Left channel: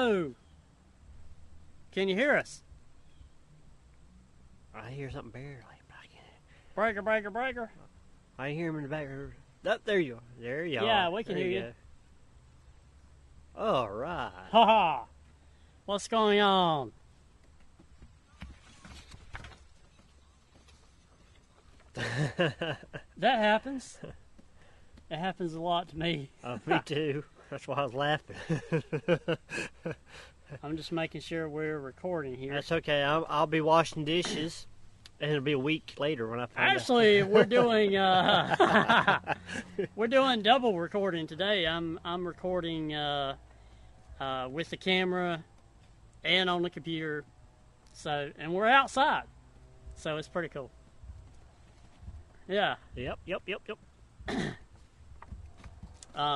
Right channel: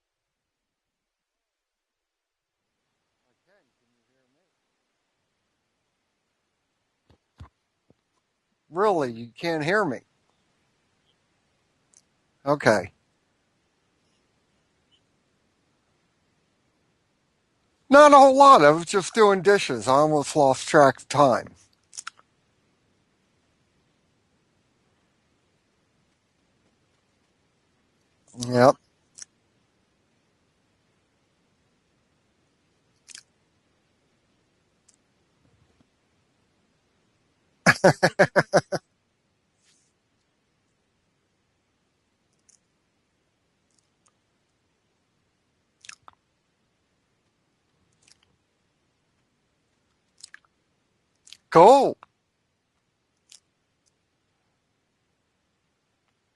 Hello. Can you hear us? I hear something barely. Breaker, breaker, breaker. I hear him. Really? You can't hear me? There you are. There you are. Yeah, we can hear you. Okay. All right. Ha ha. What's going on? Not a whole lot. I was just doing dishes. I almost lost track of time. That happens. It happens a lot to me. Me too. That's why I was laughing. Yep. I'm just making sure we're recording here. That's okay. I'll be washing dishes, and it'll be a week later when I find Actually, we're doing we're doing double recording today. I'm recording with the camera and on the computer. So, and we're outside, so it's pretty cool. Cool. Yeah. Yep.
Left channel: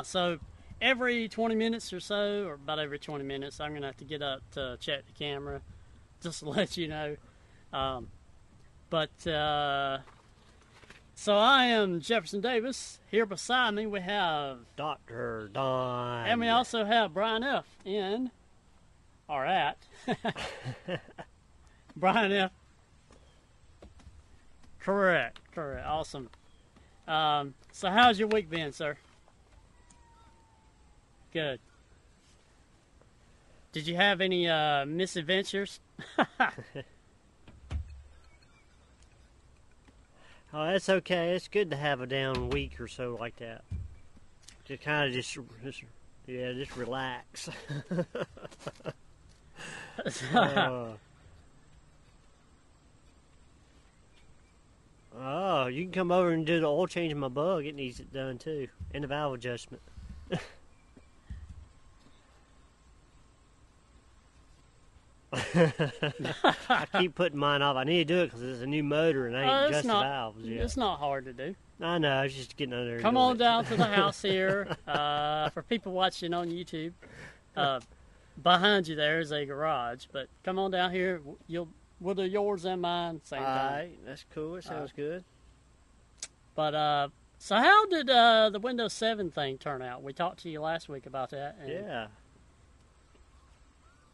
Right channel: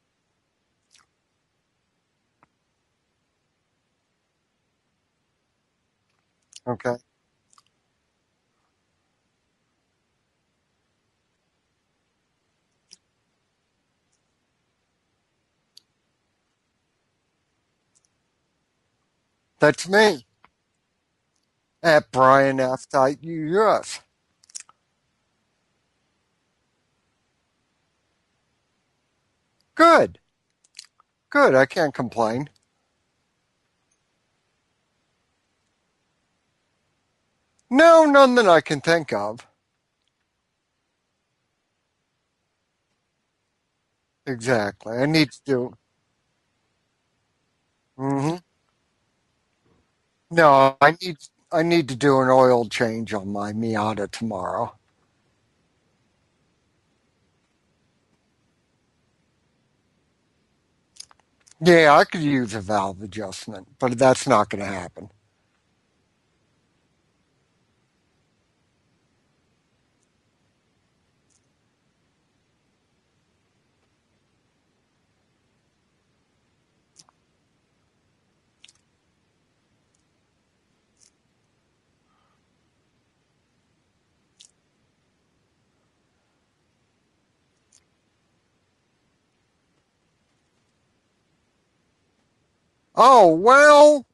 So every 20 minutes or so, or about every 20 minutes, I'm going to have to get up to check the camera, just to let you know. So I am Jefferson Davis. Here beside me we have Dr. Don. And we also have Brian F. in our app. That's me. At Brian F. US. Correct. Awesome. So how's your week been, sir? Good. I can't complain. Did you have any misadventures? No, none that I can think of. Oh, that's okay. It's good to have a down week or so like that. Exactly. I need to do. Yeah, just relax. Mm-hmm. No, I need to do an oil change on my Miata tomorrow. Oh, you can come over and do the oil change in my bug. It needs it done too, and the valve adjustment. Yeah, I could use a valve adjustment, but that's not going to happen. I keep putting mine off. I need to do it because it's a new motor and I ain't adjust the valves yet. It's not hard to do. I know. I was just getting under there. Come on down to the house here. For people watching on YouTube, behind you there is a garage. But come on down here. We'll do yours and mine same time. All right, that's cool. It sounds good. But so how did the Windows 7 thing turn out? We talked to you last week about that. Yeah. Oh, well,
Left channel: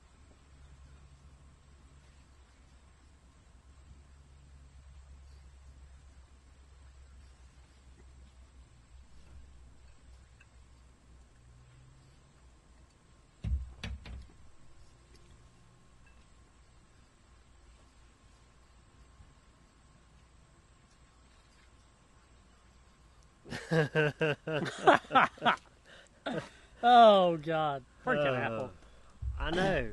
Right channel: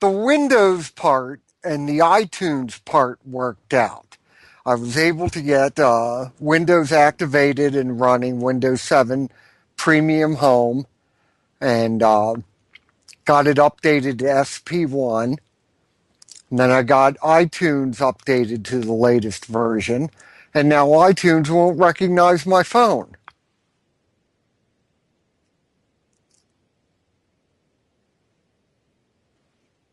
the Windows part and the iTunes part worked out. I was able to get Windows activated and running, Windows 7 Premium Home, and got it updated to SP1. And then I got iTunes updated to the latest version. And now iTunes won't recognize my phone. Oh, God. Freaking Apple. I know.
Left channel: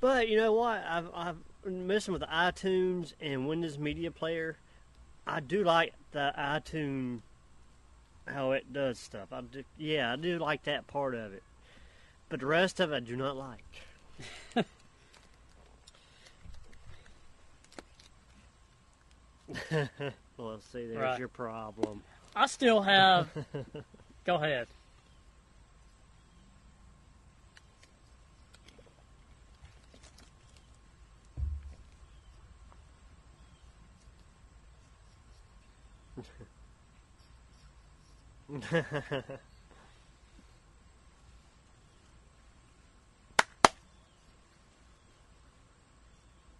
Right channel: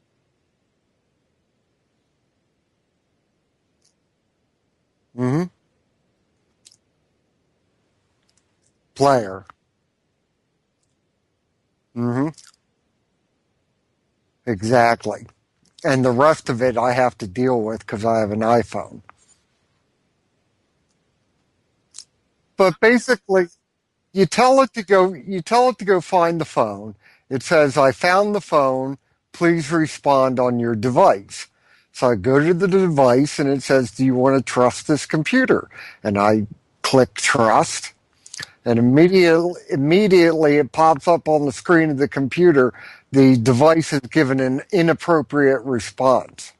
But you know what? I've been messing with the iTunes and Windows Media Player. Mm-hmm. I do like the iTunes, how it does. Player. Yeah, I do like that part of it. Mm-hmm. But the rest of it I do not like. Exactly. And the rest of it I have to deal with because I have an iPhone. Well, see, there's your problem. But basically, you tell it to go find the phone. It says, "I found the phone. Please respond on your device." So I go to the device and it says, "Do you want to trust this computer?" And I click trust. And immediately it pops up on the screen of the computer. The device has given an inappropriate response.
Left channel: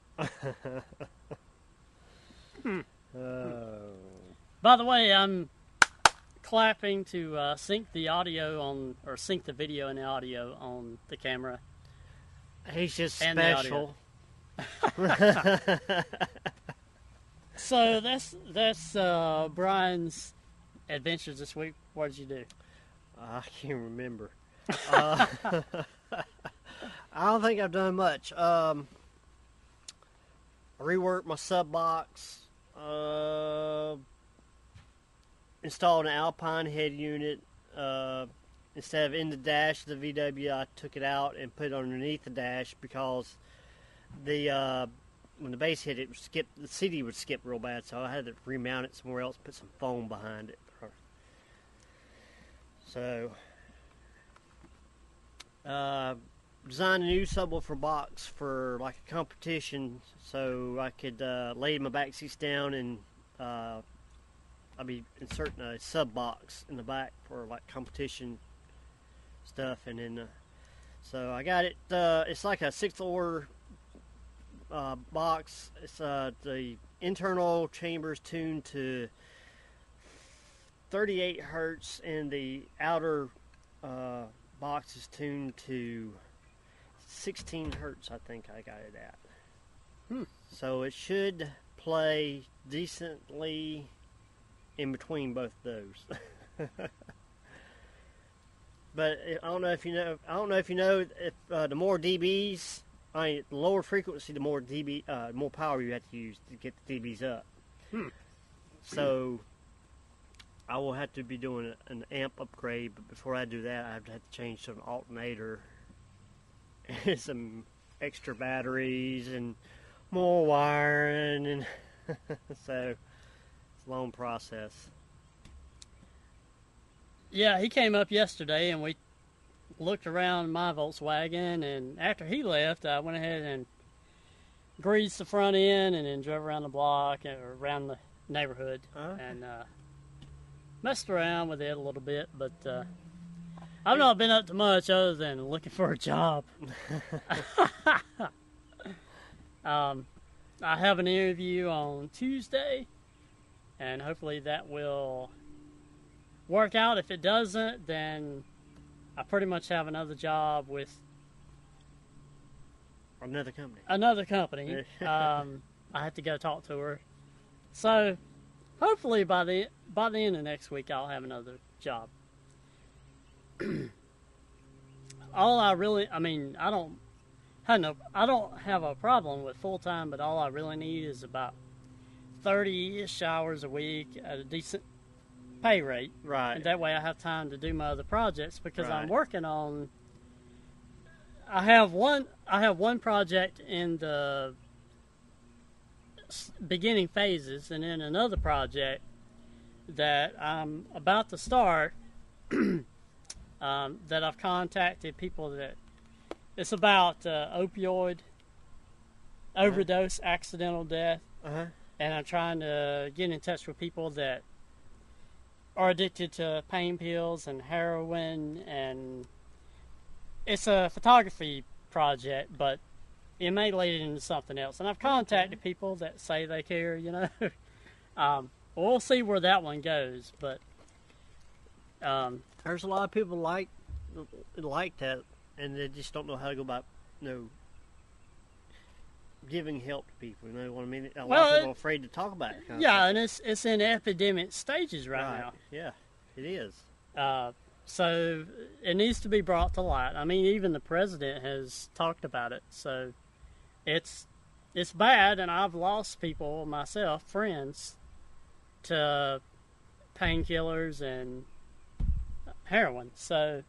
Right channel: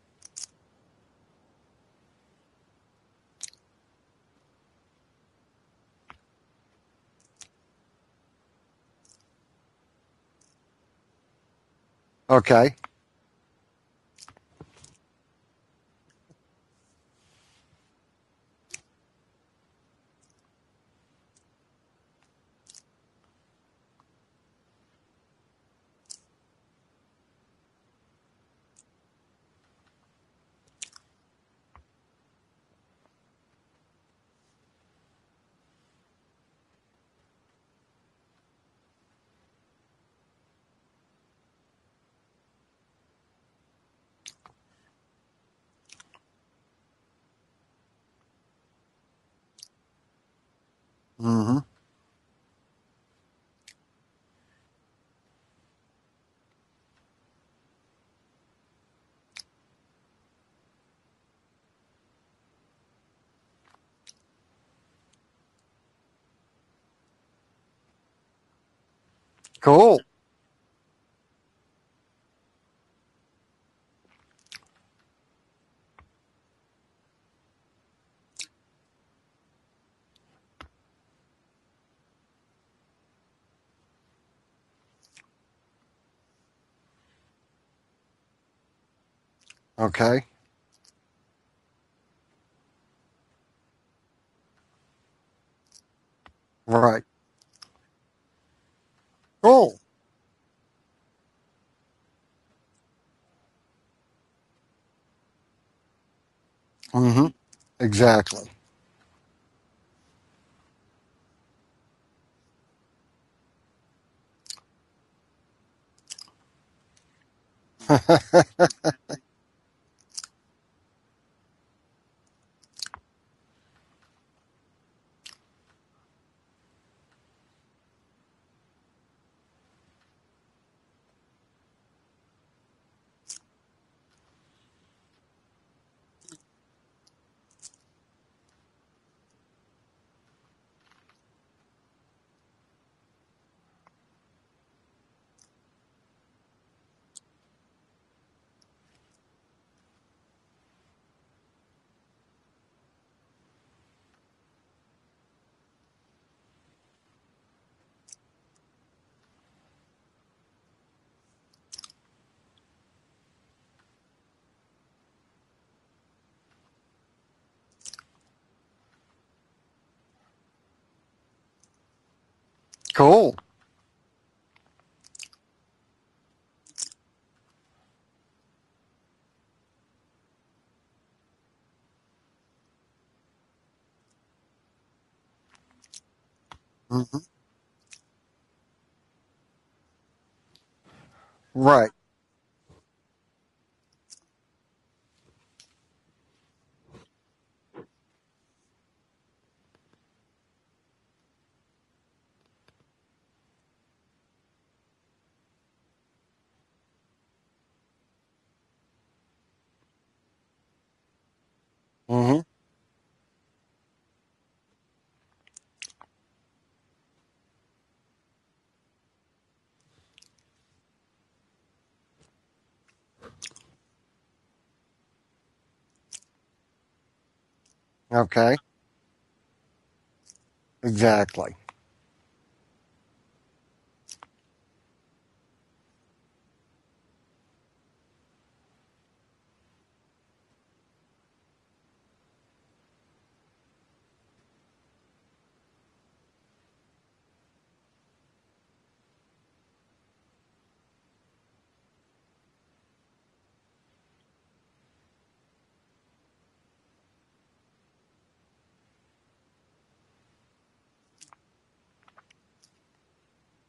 By the way, I'm clapping to sync the video and the audio on the camera. Okay. He's just special. So that's Brian's adventures this week. What did you do? I can't remember. I don't think I've done much. I reworked my sub box. Installed an Alpine head unit. Instead of in the dash of the VW, I took it out and put it underneath the dash because when the bass hit it, the CD would skip real bad, so I had to remount it somewhere else, put some foam behind it. Mm-hmm. So, designed a new subwoofer box for like a competition, so I could lay my back seats down and I'll be inserting a sub box in the back for like competition stuff. Cool. And So I got it. It's like a 6th order box. It's the internal chambers tuned to 38 hertz, and the outer box is tuned to 16 hertz. I think I got it at. Okay. So it should play decently in between both of those. Right. But I Cool. don't know if you know. I don't know if you know if the more dBs, the lower frequency, the more dB, more power you have to use to get the dBs up. Exactly. So I will have to be doing an amp upgrade. But before I do that, I have to change to an alternator, and some extra batteries, and more wiring, and so it's a long process. Yeah, he came up yesterday, and we looked around my Volkswagen, and after he left, I went ahead and greased the front end and then drove around the block or around the neighborhood and messed around with it a little bit, but I've not been up to much other than looking for a job. I have an interview on Tuesday, and hopefully that will work out. If it doesn't, then I pretty much have another job with Another company. I have to go talk to her. So hopefully by the end of next week, I'll have another job. Cool. I don't have a problem with full time, but all I really need is about 30-ish hours a week at a decent pay rate. Right. And that way I have time to do my other projects because I'm working on. I have one project in the beginning phases, and then another project that I'm about to start. That I've contacted people that it's about opioid overdose, accidental death, and I'm trying to get in touch with people that are addicted to pain pills and heroin, and it's a photography project, but it may lead into something else. And I've contacted people that say they care, Okay. We'll see where that one goes, but Exactly. There's a lot of people like that, and they just don't know how to go about, giving help to people. You know what I mean? A lot of people are afraid to talk about it. And it's in epidemic stages right now. Yeah, it is. So it needs to be brought to light. I mean, even the president has talked about it. So it's bad, and I've lost people myself, friends, to painkillers and heroin. So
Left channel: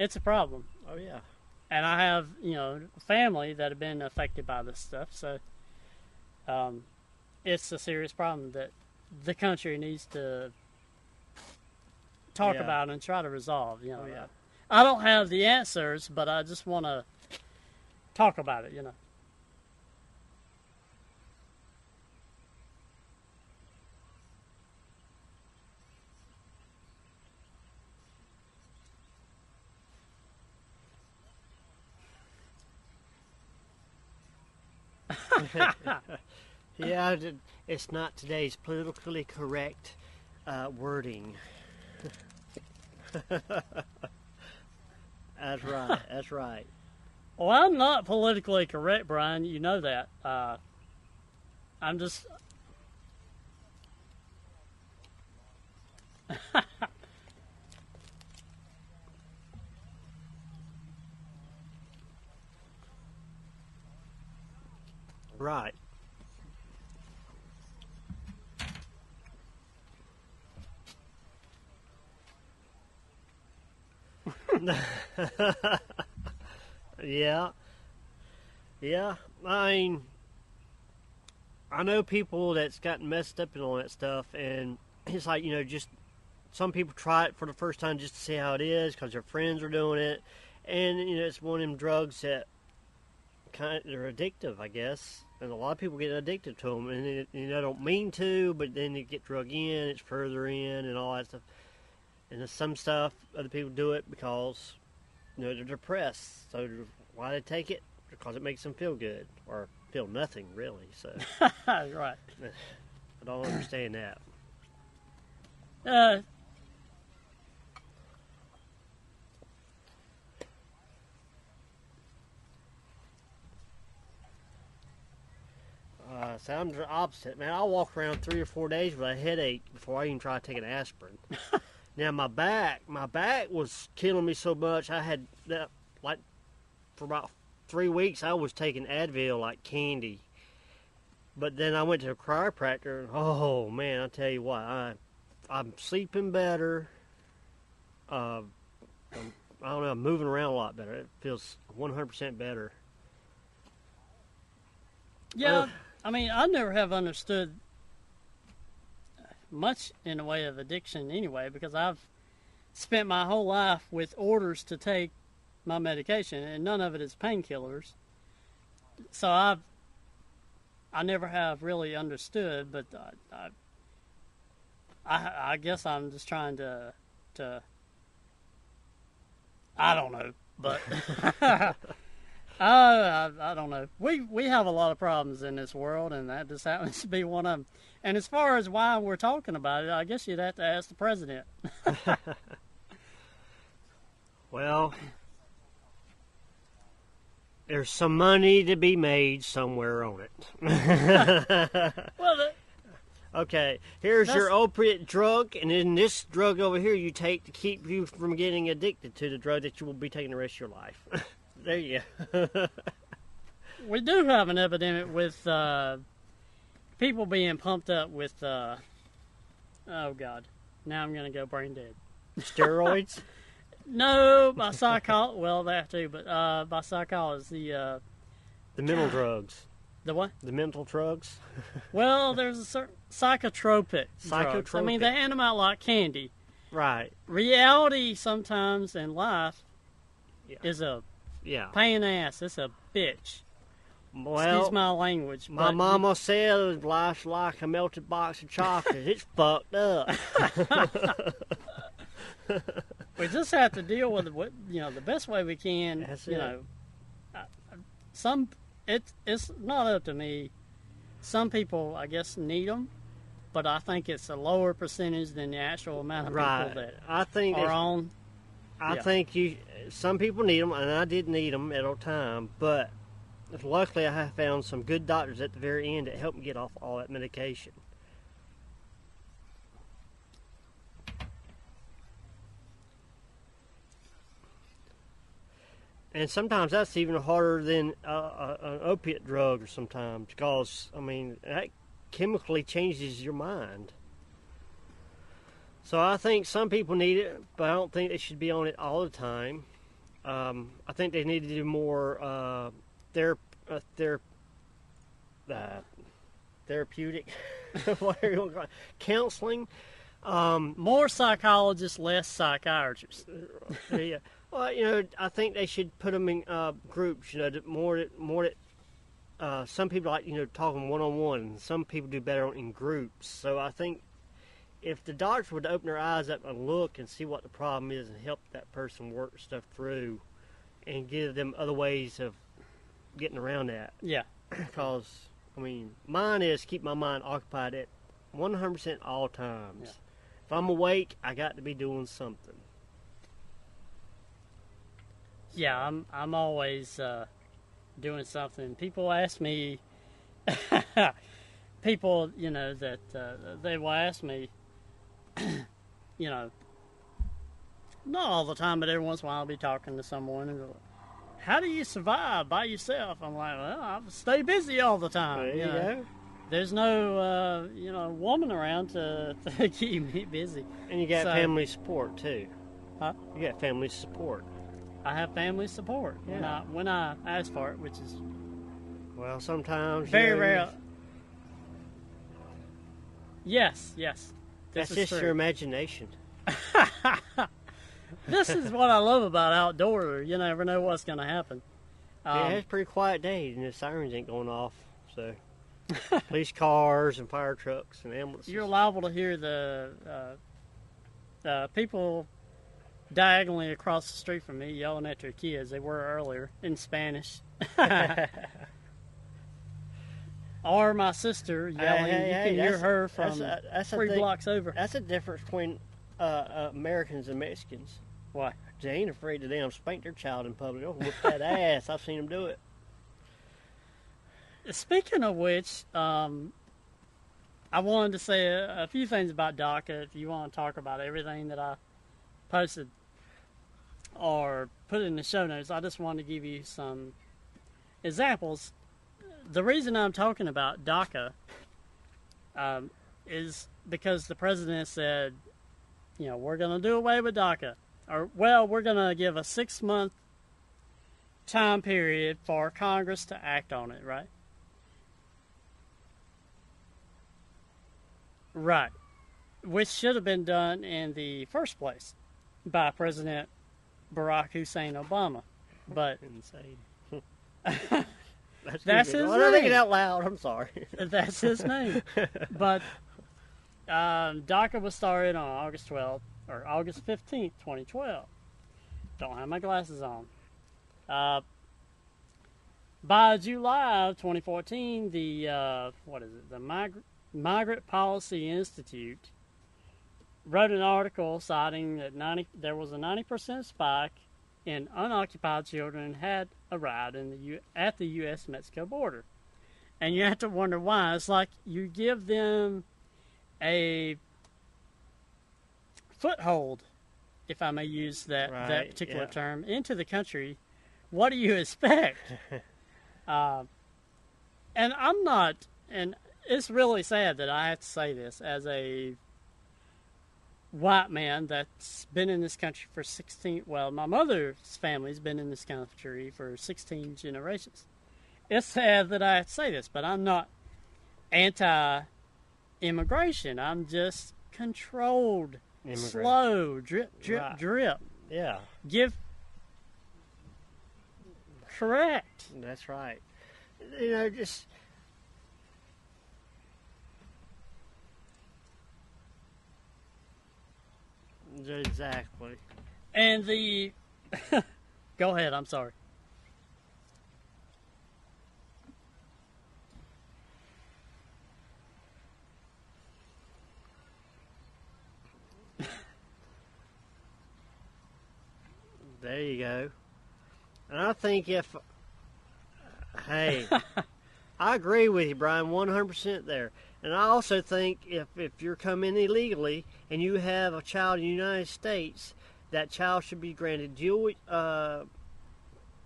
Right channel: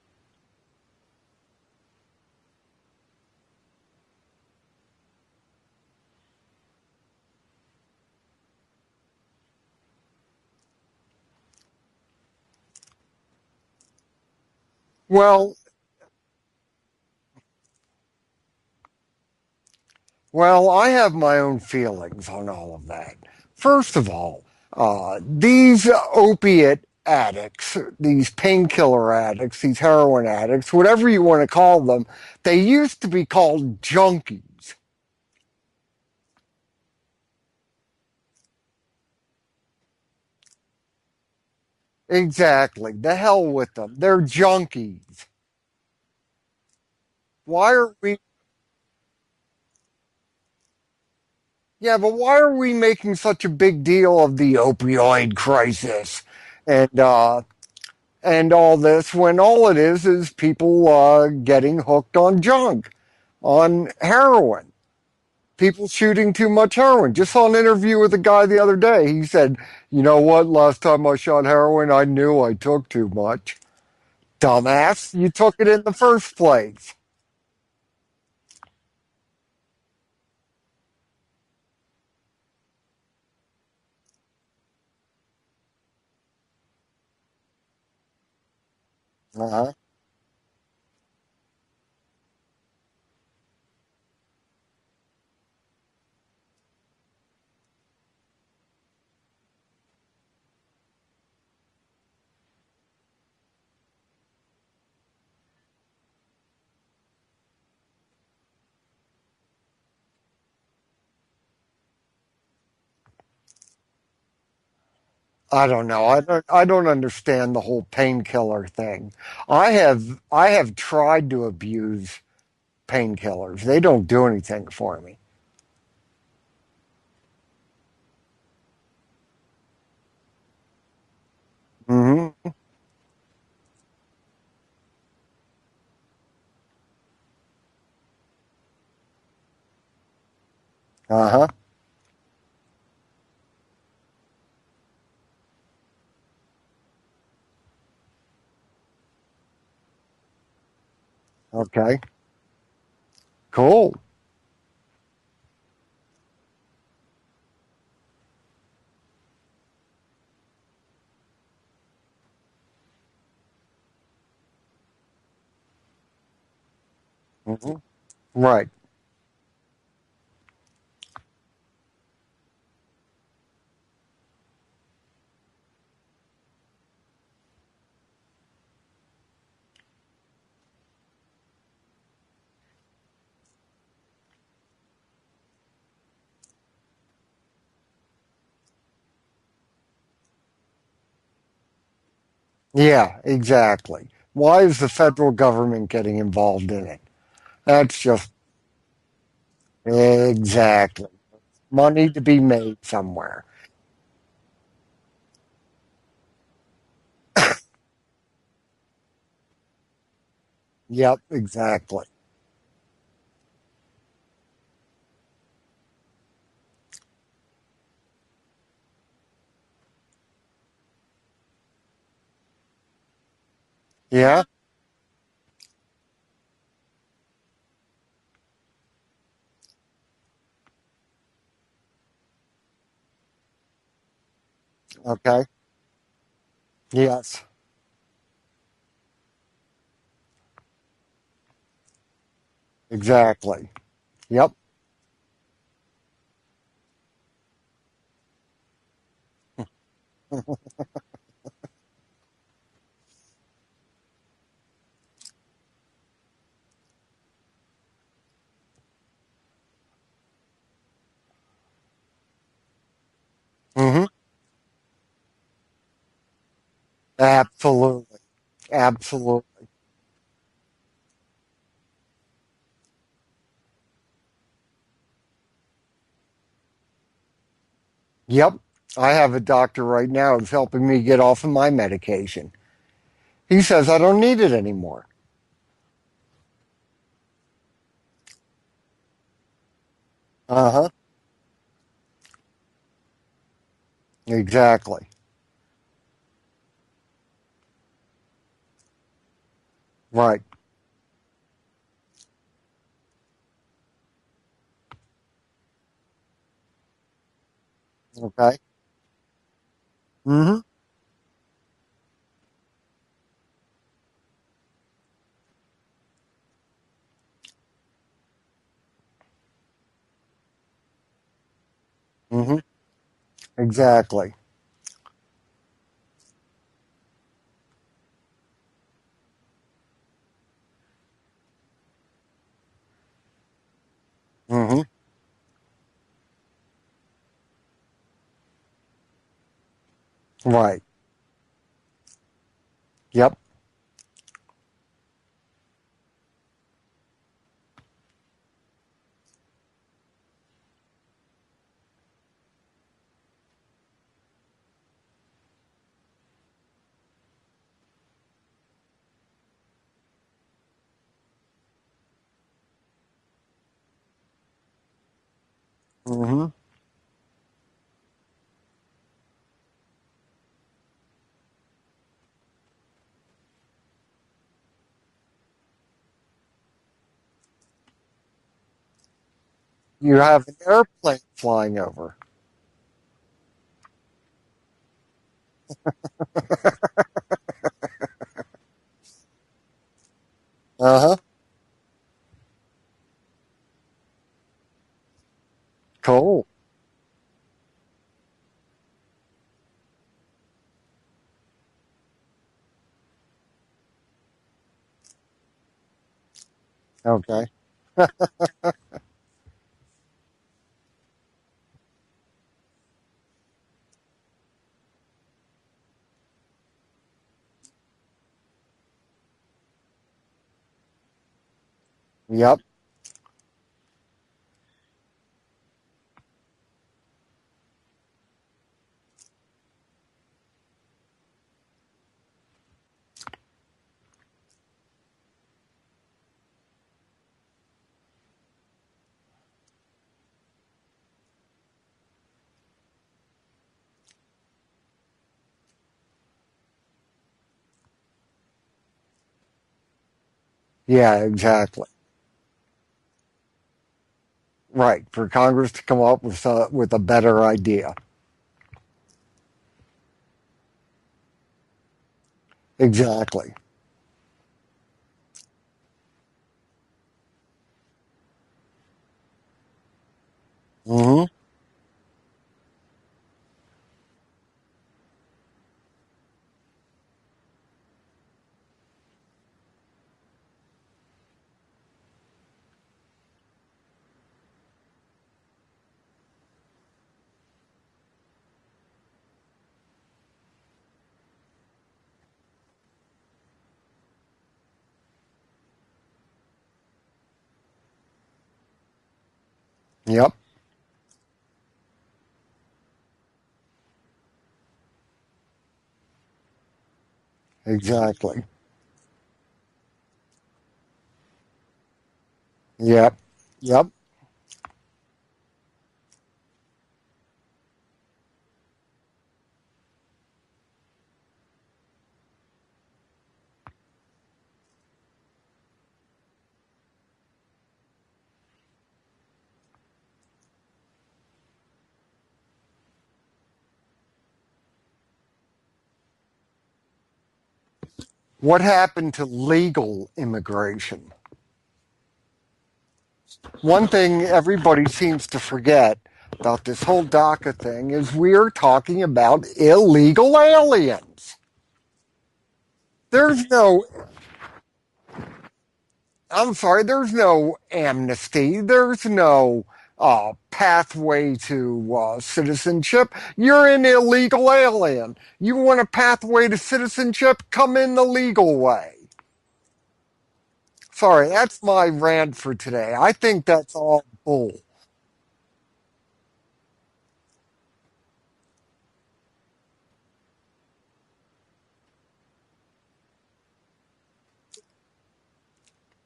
it's a problem. Oh yeah. And I have, family that have been affected by this stuff. So it's a serious problem that the country needs to talk about and try to resolve. I don't have the answers, but I just want to talk about it. Well, I have my own feelings on all of that. First of all, these opiate addicts, these painkiller addicts, these heroin addicts, whatever you want to call them, they used to be called junkies. Yeah, it's not today's politically correct wording. Exactly. The hell with them. They're junkies. That's right. That's right. Well, I'm not politically correct, Brian. You know that. But why are we making such a big deal of the opioid crisis and all this when all it is people getting hooked on junk, on heroin? Right. People shooting too much heroin. Just saw an interview with a guy the other day. He said, "You know what? Last time I shot heroin, I knew I took too much." Dumbass, you took it in the first place. Yeah. Yeah. I mean, I know people that's gotten messed up and all that stuff, and it's like, just some people try it for the first time just to see how it is because their friends are doing it, and it's one of them drugs that they're addictive, I guess, and a lot of people get addicted to them, and they don't mean to, but then they get drug in, it's further in, and all that stuff. And there's some stuff other people do it because they're depressed. So why they take it? Because it makes them feel good or feel nothing really. So Right. I don't understand that. I don't know. I don't understand the whole painkiller thing. I have tried to abuse painkillers. They don't do anything for me. So I'm the opposite, man. I'll walk around 3 or 4 days with a headache before I even try taking aspirin. Now Hmm. my back was killing me so much. I had like for about 3 weeks I was taking Advil like candy. Uh-huh. But then I went to a chiropractor, and oh man, I tell you what, I'm sleeping better. I don't know, I'm moving around a lot better. It feels Okay. 100% better. Cool. Yeah, I mean, I never have understood much in the way of addiction anyway, because I've spent my whole life with orders to take my medication, and none of it is painkillers. Right. So I never have really understood, but I guess I'm just trying to I don't know, but I don't know. We have a lot of problems in this world, and that just happens to be one of them. And as far as why we're talking about it, I guess you'd have to ask the president. Yeah, exactly. Why is the Well, federal government getting involved in it? there's That's some just money to be made somewhere. exactly money to be Well, made somewhere. Okay, here's your that's opiate drug, and then this drug over here you take to keep you from getting addicted to the drug that you will be taking the rest of your life. Yep, There you exactly. go. we do have an epidemic with people being pumped up with oh god, now I'm gonna go brain dead. Steroids? Yeah, No, by psychol. Well, that too, but by psychologists, The mental drugs. the what? The mental drugs? Well, there's a certain psychotropic drugs. I mean, they Psychotropic. hand them okay. out like candy. Right. Yes, Reality sometimes in life Yeah. is a Yeah. pain in the ass. It's a bitch. exactly. Yep. Excuse Well, my language, my but mama said life's like a melted box of chocolate. It's fucked up. we just have to deal with it. The best way we can. That's You it. know, some it's not up to me. Some people, I guess, need them, but I Hmm. think it's a lower percentage than the actual amount of Right. people that I think are on. Absolutely. I think Absolutely. some people need them, and I did need them at a time. But luckily, I have found some good doctors at the very end that helped me get off all that medication. Yep. I have a doctor right now who's helping me get off of my medication. He says I don't need it anymore. And sometimes that's even harder than an opiate drug. Sometimes, Uh-huh. because I mean that chemically changes your mind. Exactly. So I think some people need it, but I don't think they should be on it all the time. Right. I think they need to do more therapeutic, whatever Okay. counseling. Hmm. More psychologists, less psychiatrists. Yeah. Well, I think they should put them in groups. Some people like talking one on one. Some people do better Hmm. in groups. So I think Exactly. if the doctor would open their eyes up and look and see what the problem is and help that person work stuff through, and give them other ways of getting around that. Yeah. Hmm. Because I mean, mine is keep my mind occupied at 100% all times. Yeah. I'm Right. awake. I got to be doing something. Yep. Yeah, I'm always doing something. People ask me, people, that they will ask me, you know, not all the time, but every once in a while I'll be talking to someone and go, how do you survive by yourself? I'm like, well, I stay busy all the time. There you go. Hmm. There's no, woman around to keep me busy. And you got So- family support too. Huh? You got family support. I have family support when I ask for it, which is Well, sometimes You Very have rare. an airplane flying over. yes. that's This is just true. your imagination. This is what I love about outdoor. You never know Uh-huh. what's going to happen. Yeah, it's a pretty quiet day, and the sirens ain't going off. So Cool. police cars and fire trucks and ambulances. You're liable to hear the people diagonally across the street from me yelling at their kids. They were earlier in Spanish. Okay. Or my sister yelling. You can hear her from that's 3 blocks over. That's the difference between Americans and Mexicans. Why? They ain't afraid to damn spank their child in public. They'll whoop that ass. I've seen them do Yep. it. Speaking of which, I wanted to say a few things about DACA. If you want to talk about everything that I posted or put in the show notes, I just wanted to give you some examples. The reason I'm talking about DACA is because the president said, we're going to do away with DACA. Or, we're going to give a 6-month time period for Congress to act on it, right? Right, for Congress to come up with a better idea. Right, which should have been done in the first place by President Barack Hussein Obama. But insane. That's his name. I'm thinking out loud. I'm sorry. Mm-hmm. That's his name. But DACA was started on August 12th or August 15th, 2012. Don't have my glasses on. By July of 2014, the Migrant Policy Institute wrote an article citing that there was a 90% spike in unoccupied children had arrived at the U.S.-Mexico border. And you have to wonder why. It's like you give them a foothold, if I may use that particular term, into the country. What do you expect? Yep. And I'm not, and it's really sad that I have to say this as a white man that's been in this country for my mother's family's been in this country for 16 generations. It's sad that I have to say this, but I'm not anti-immigration. I'm just controlled, slow, drip, drip. Yeah. What happened to legal immigration? Correct. That's right. One thing everybody seems to forget about this whole DACA thing is we're talking about illegal aliens. Exactly. There's no... Go ahead, I'm sorry. I'm sorry, there's no amnesty. There's no pathway to citizenship. You're an illegal alien. You want a pathway to citizenship? Come in the legal way. There you go. Sorry, that's my rant for today. I think that's all bull. I agree with you, Brian, 100% there. And I also think if you're coming illegally and you have a child in the United States, that child should be granted dual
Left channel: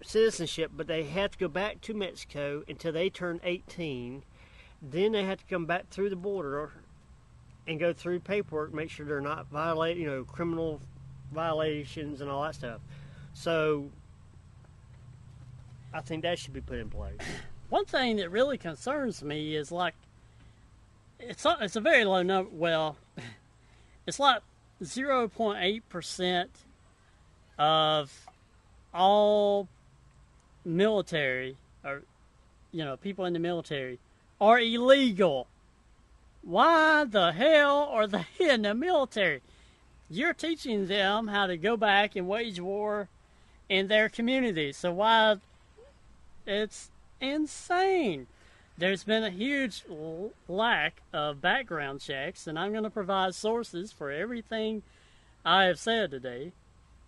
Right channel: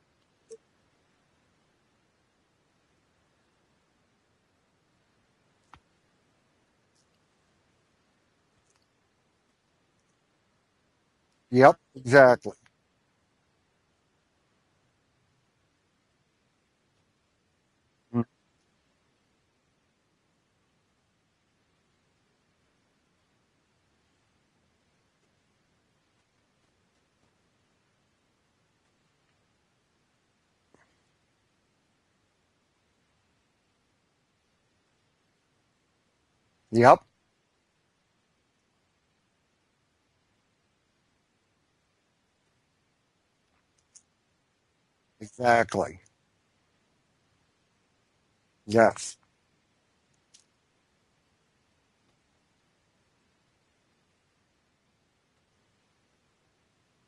citizenship, but they have to go back to Mexico until they turn 18. Then they have to come back through the border and go through paperwork, make sure they're not violating, criminal violations and all that stuff. So I think that should be put in place. One thing that really concerns me is it's a very low number. Well, it's like 0.8% of all military or people in the military are illegal. Why the hell are they in the military? You're teaching them how to go back and wage war in their communities. So why? Exactly. It's insane. Yes. There's been a huge lack of background checks, and I'm going to provide sources for everything I have said today.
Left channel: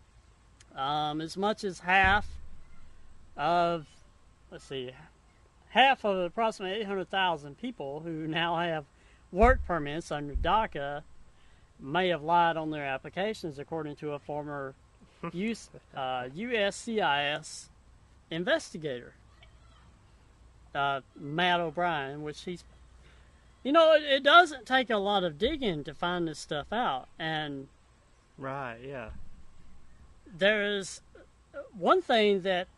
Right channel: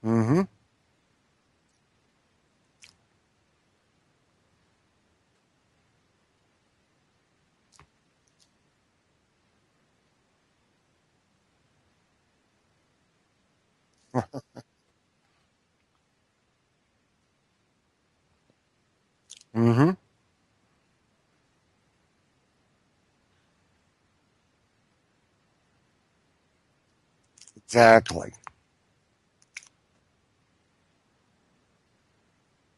Mm-hmm. As much as half of approximately 800,000 people who now have work permits under DACA may have lied on their applications, according to a former USCIS investigator, Matt O'Brien, which he's, it doesn't take a lot of digging to find this stuff out. And exactly. Right, yeah. There's one thing that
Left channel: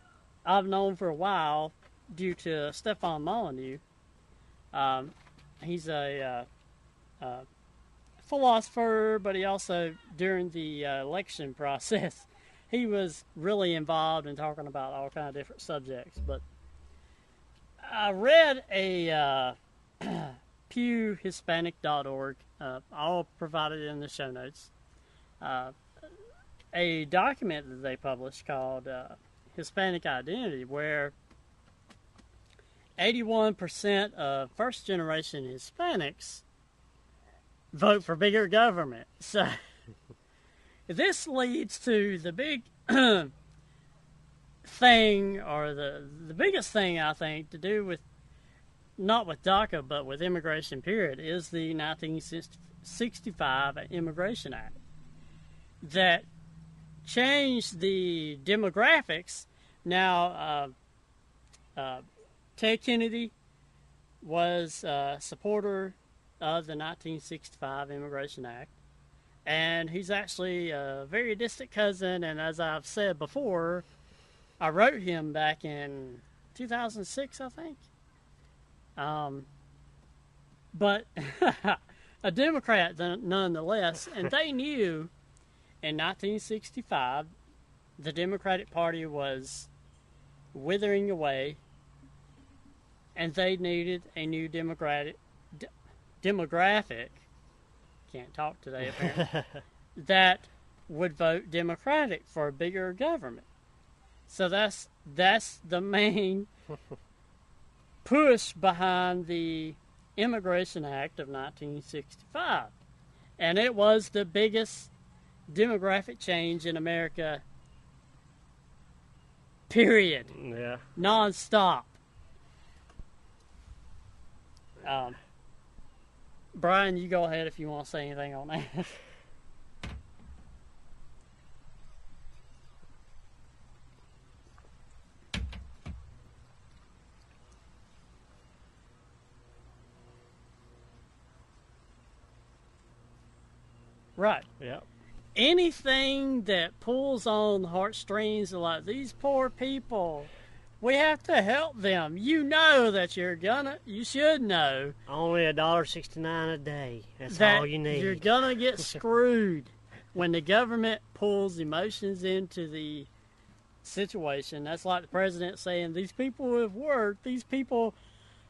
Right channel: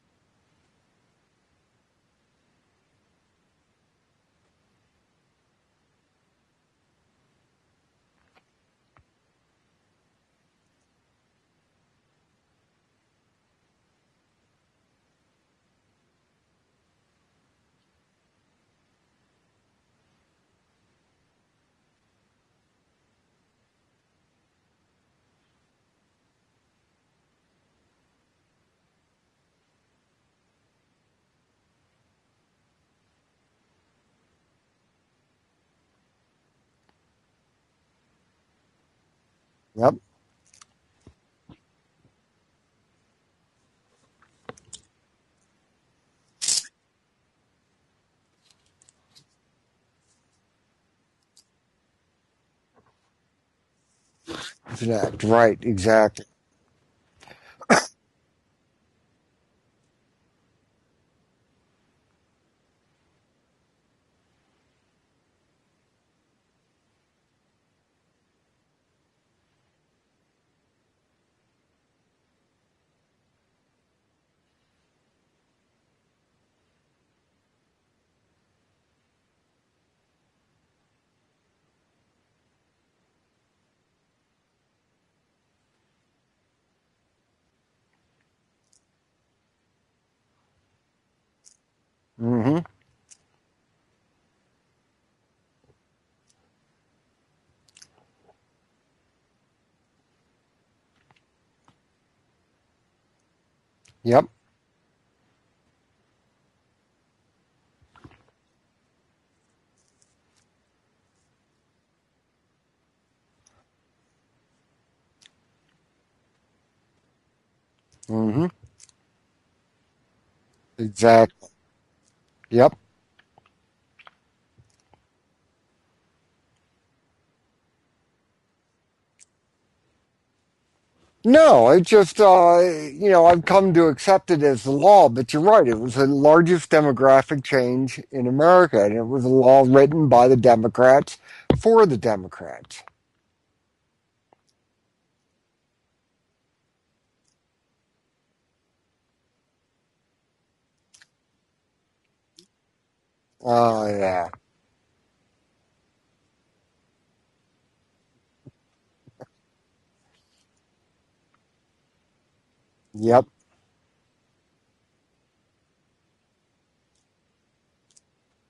I've known for a while due to Stefan Molyneux. He's a philosopher, but he also, during the election process, he was really involved in talking about all kinds of different subjects. But I read a pewhispanic.org. I'll provide it in the show notes. a document that they published called Hispanic Identity, where 81% of first-generation Hispanics vote for bigger government. So Yep. this leads to the big thing, or the biggest thing, I think, to do with, not with DACA, but with immigration, period, is the 1965 Immigration Act. Right, exactly. That changed the demographics. Now, Ted Kennedy was a supporter of the 1965 Immigration Act, and he's actually a very distant cousin, and as I've said before, I wrote him back in 2006, I think. But a Democrat nonetheless, and they knew in 1965 the Democratic Party was withering away, Mm-hmm. and they needed a new demographic, can't talk today apparently, that would vote Democratic for a bigger government. Yep. So that's the main push behind the Immigration Act of 1965. And it was the biggest demographic change in America, Mm-hmm. period. Yeah. Exactly. Non-stop. Yep. Brian, you go ahead if you want to say anything on that. No, it just, I've come to accept it as the law, but you're right. It was the largest demographic change in America, and it was a law written by the Democrats for the Democrats. Right. Yeah. Anything that pulls on the heartstrings of, like, these poor people, we have to help them. You know that you're gonna, you should know. Only $1.69 a day. That's that all you need. You're gonna get screwed when the government pulls emotions into the Yep. situation. That's like the president saying, these people have worked, these people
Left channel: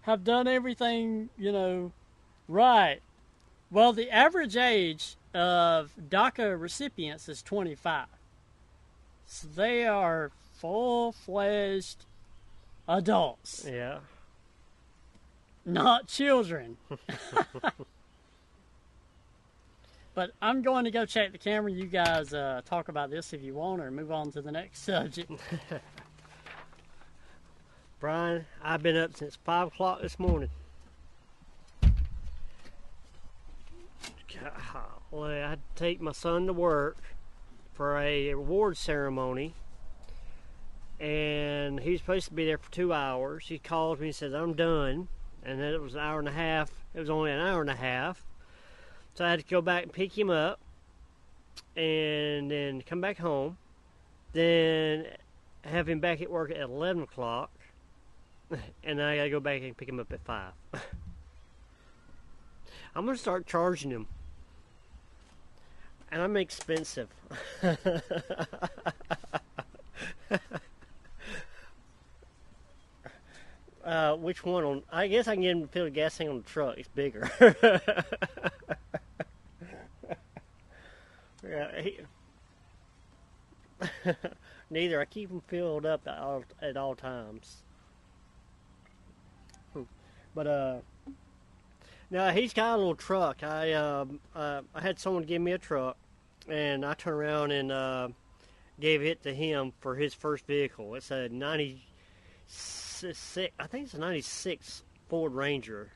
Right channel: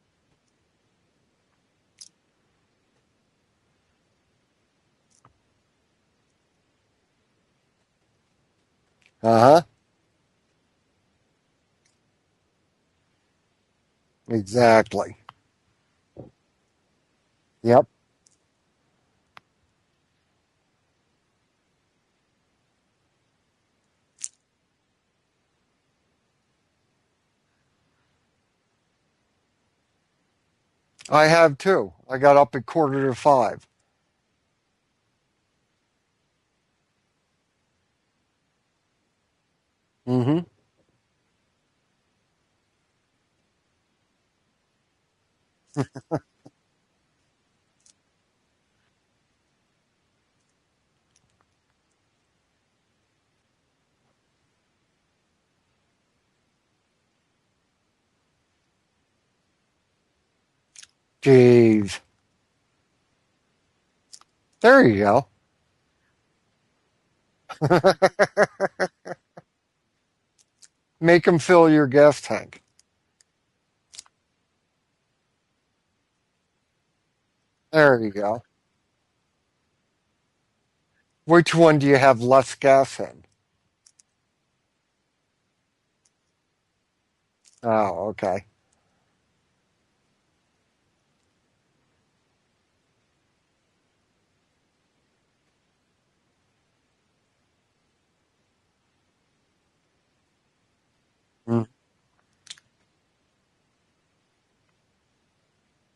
have done everything, right. Well, the average age of DACA recipients is 25. Uh-huh. They are full-fledged adults. Yeah. Exactly. Not children. Yep. But I'm going to go check the camera. You guys talk about this if you want, or move on to the next subject. Brian, I've been up since 5 o'clock this morning. I have too. I got up at 4:45. Well, I had to take my son to work for a award ceremony. Mm-hmm. And he was supposed to be there for 2 hours. He calls me and says, I'm done. And then it was an hour and a half. It was only an hour and a half. So I had to go back and pick him up and then come back home. Then have him back at work at 11 o'clock. And then I got to go back and pick him up at 5. Jeez. I'm going to start charging him. There you go. And I'm expensive. Make him fill your gas tank. Which one? I guess I can get him to fill the gas tank on the truck. It's bigger. There you go. Which one do you have less gas in? Neither. I keep them filled up at all times. Oh, okay. But no, he's got a little truck. I had someone give me a truck, and I turned around and gave it to him for his first vehicle. It's a 96. I think it's a 96 Ford Ranger.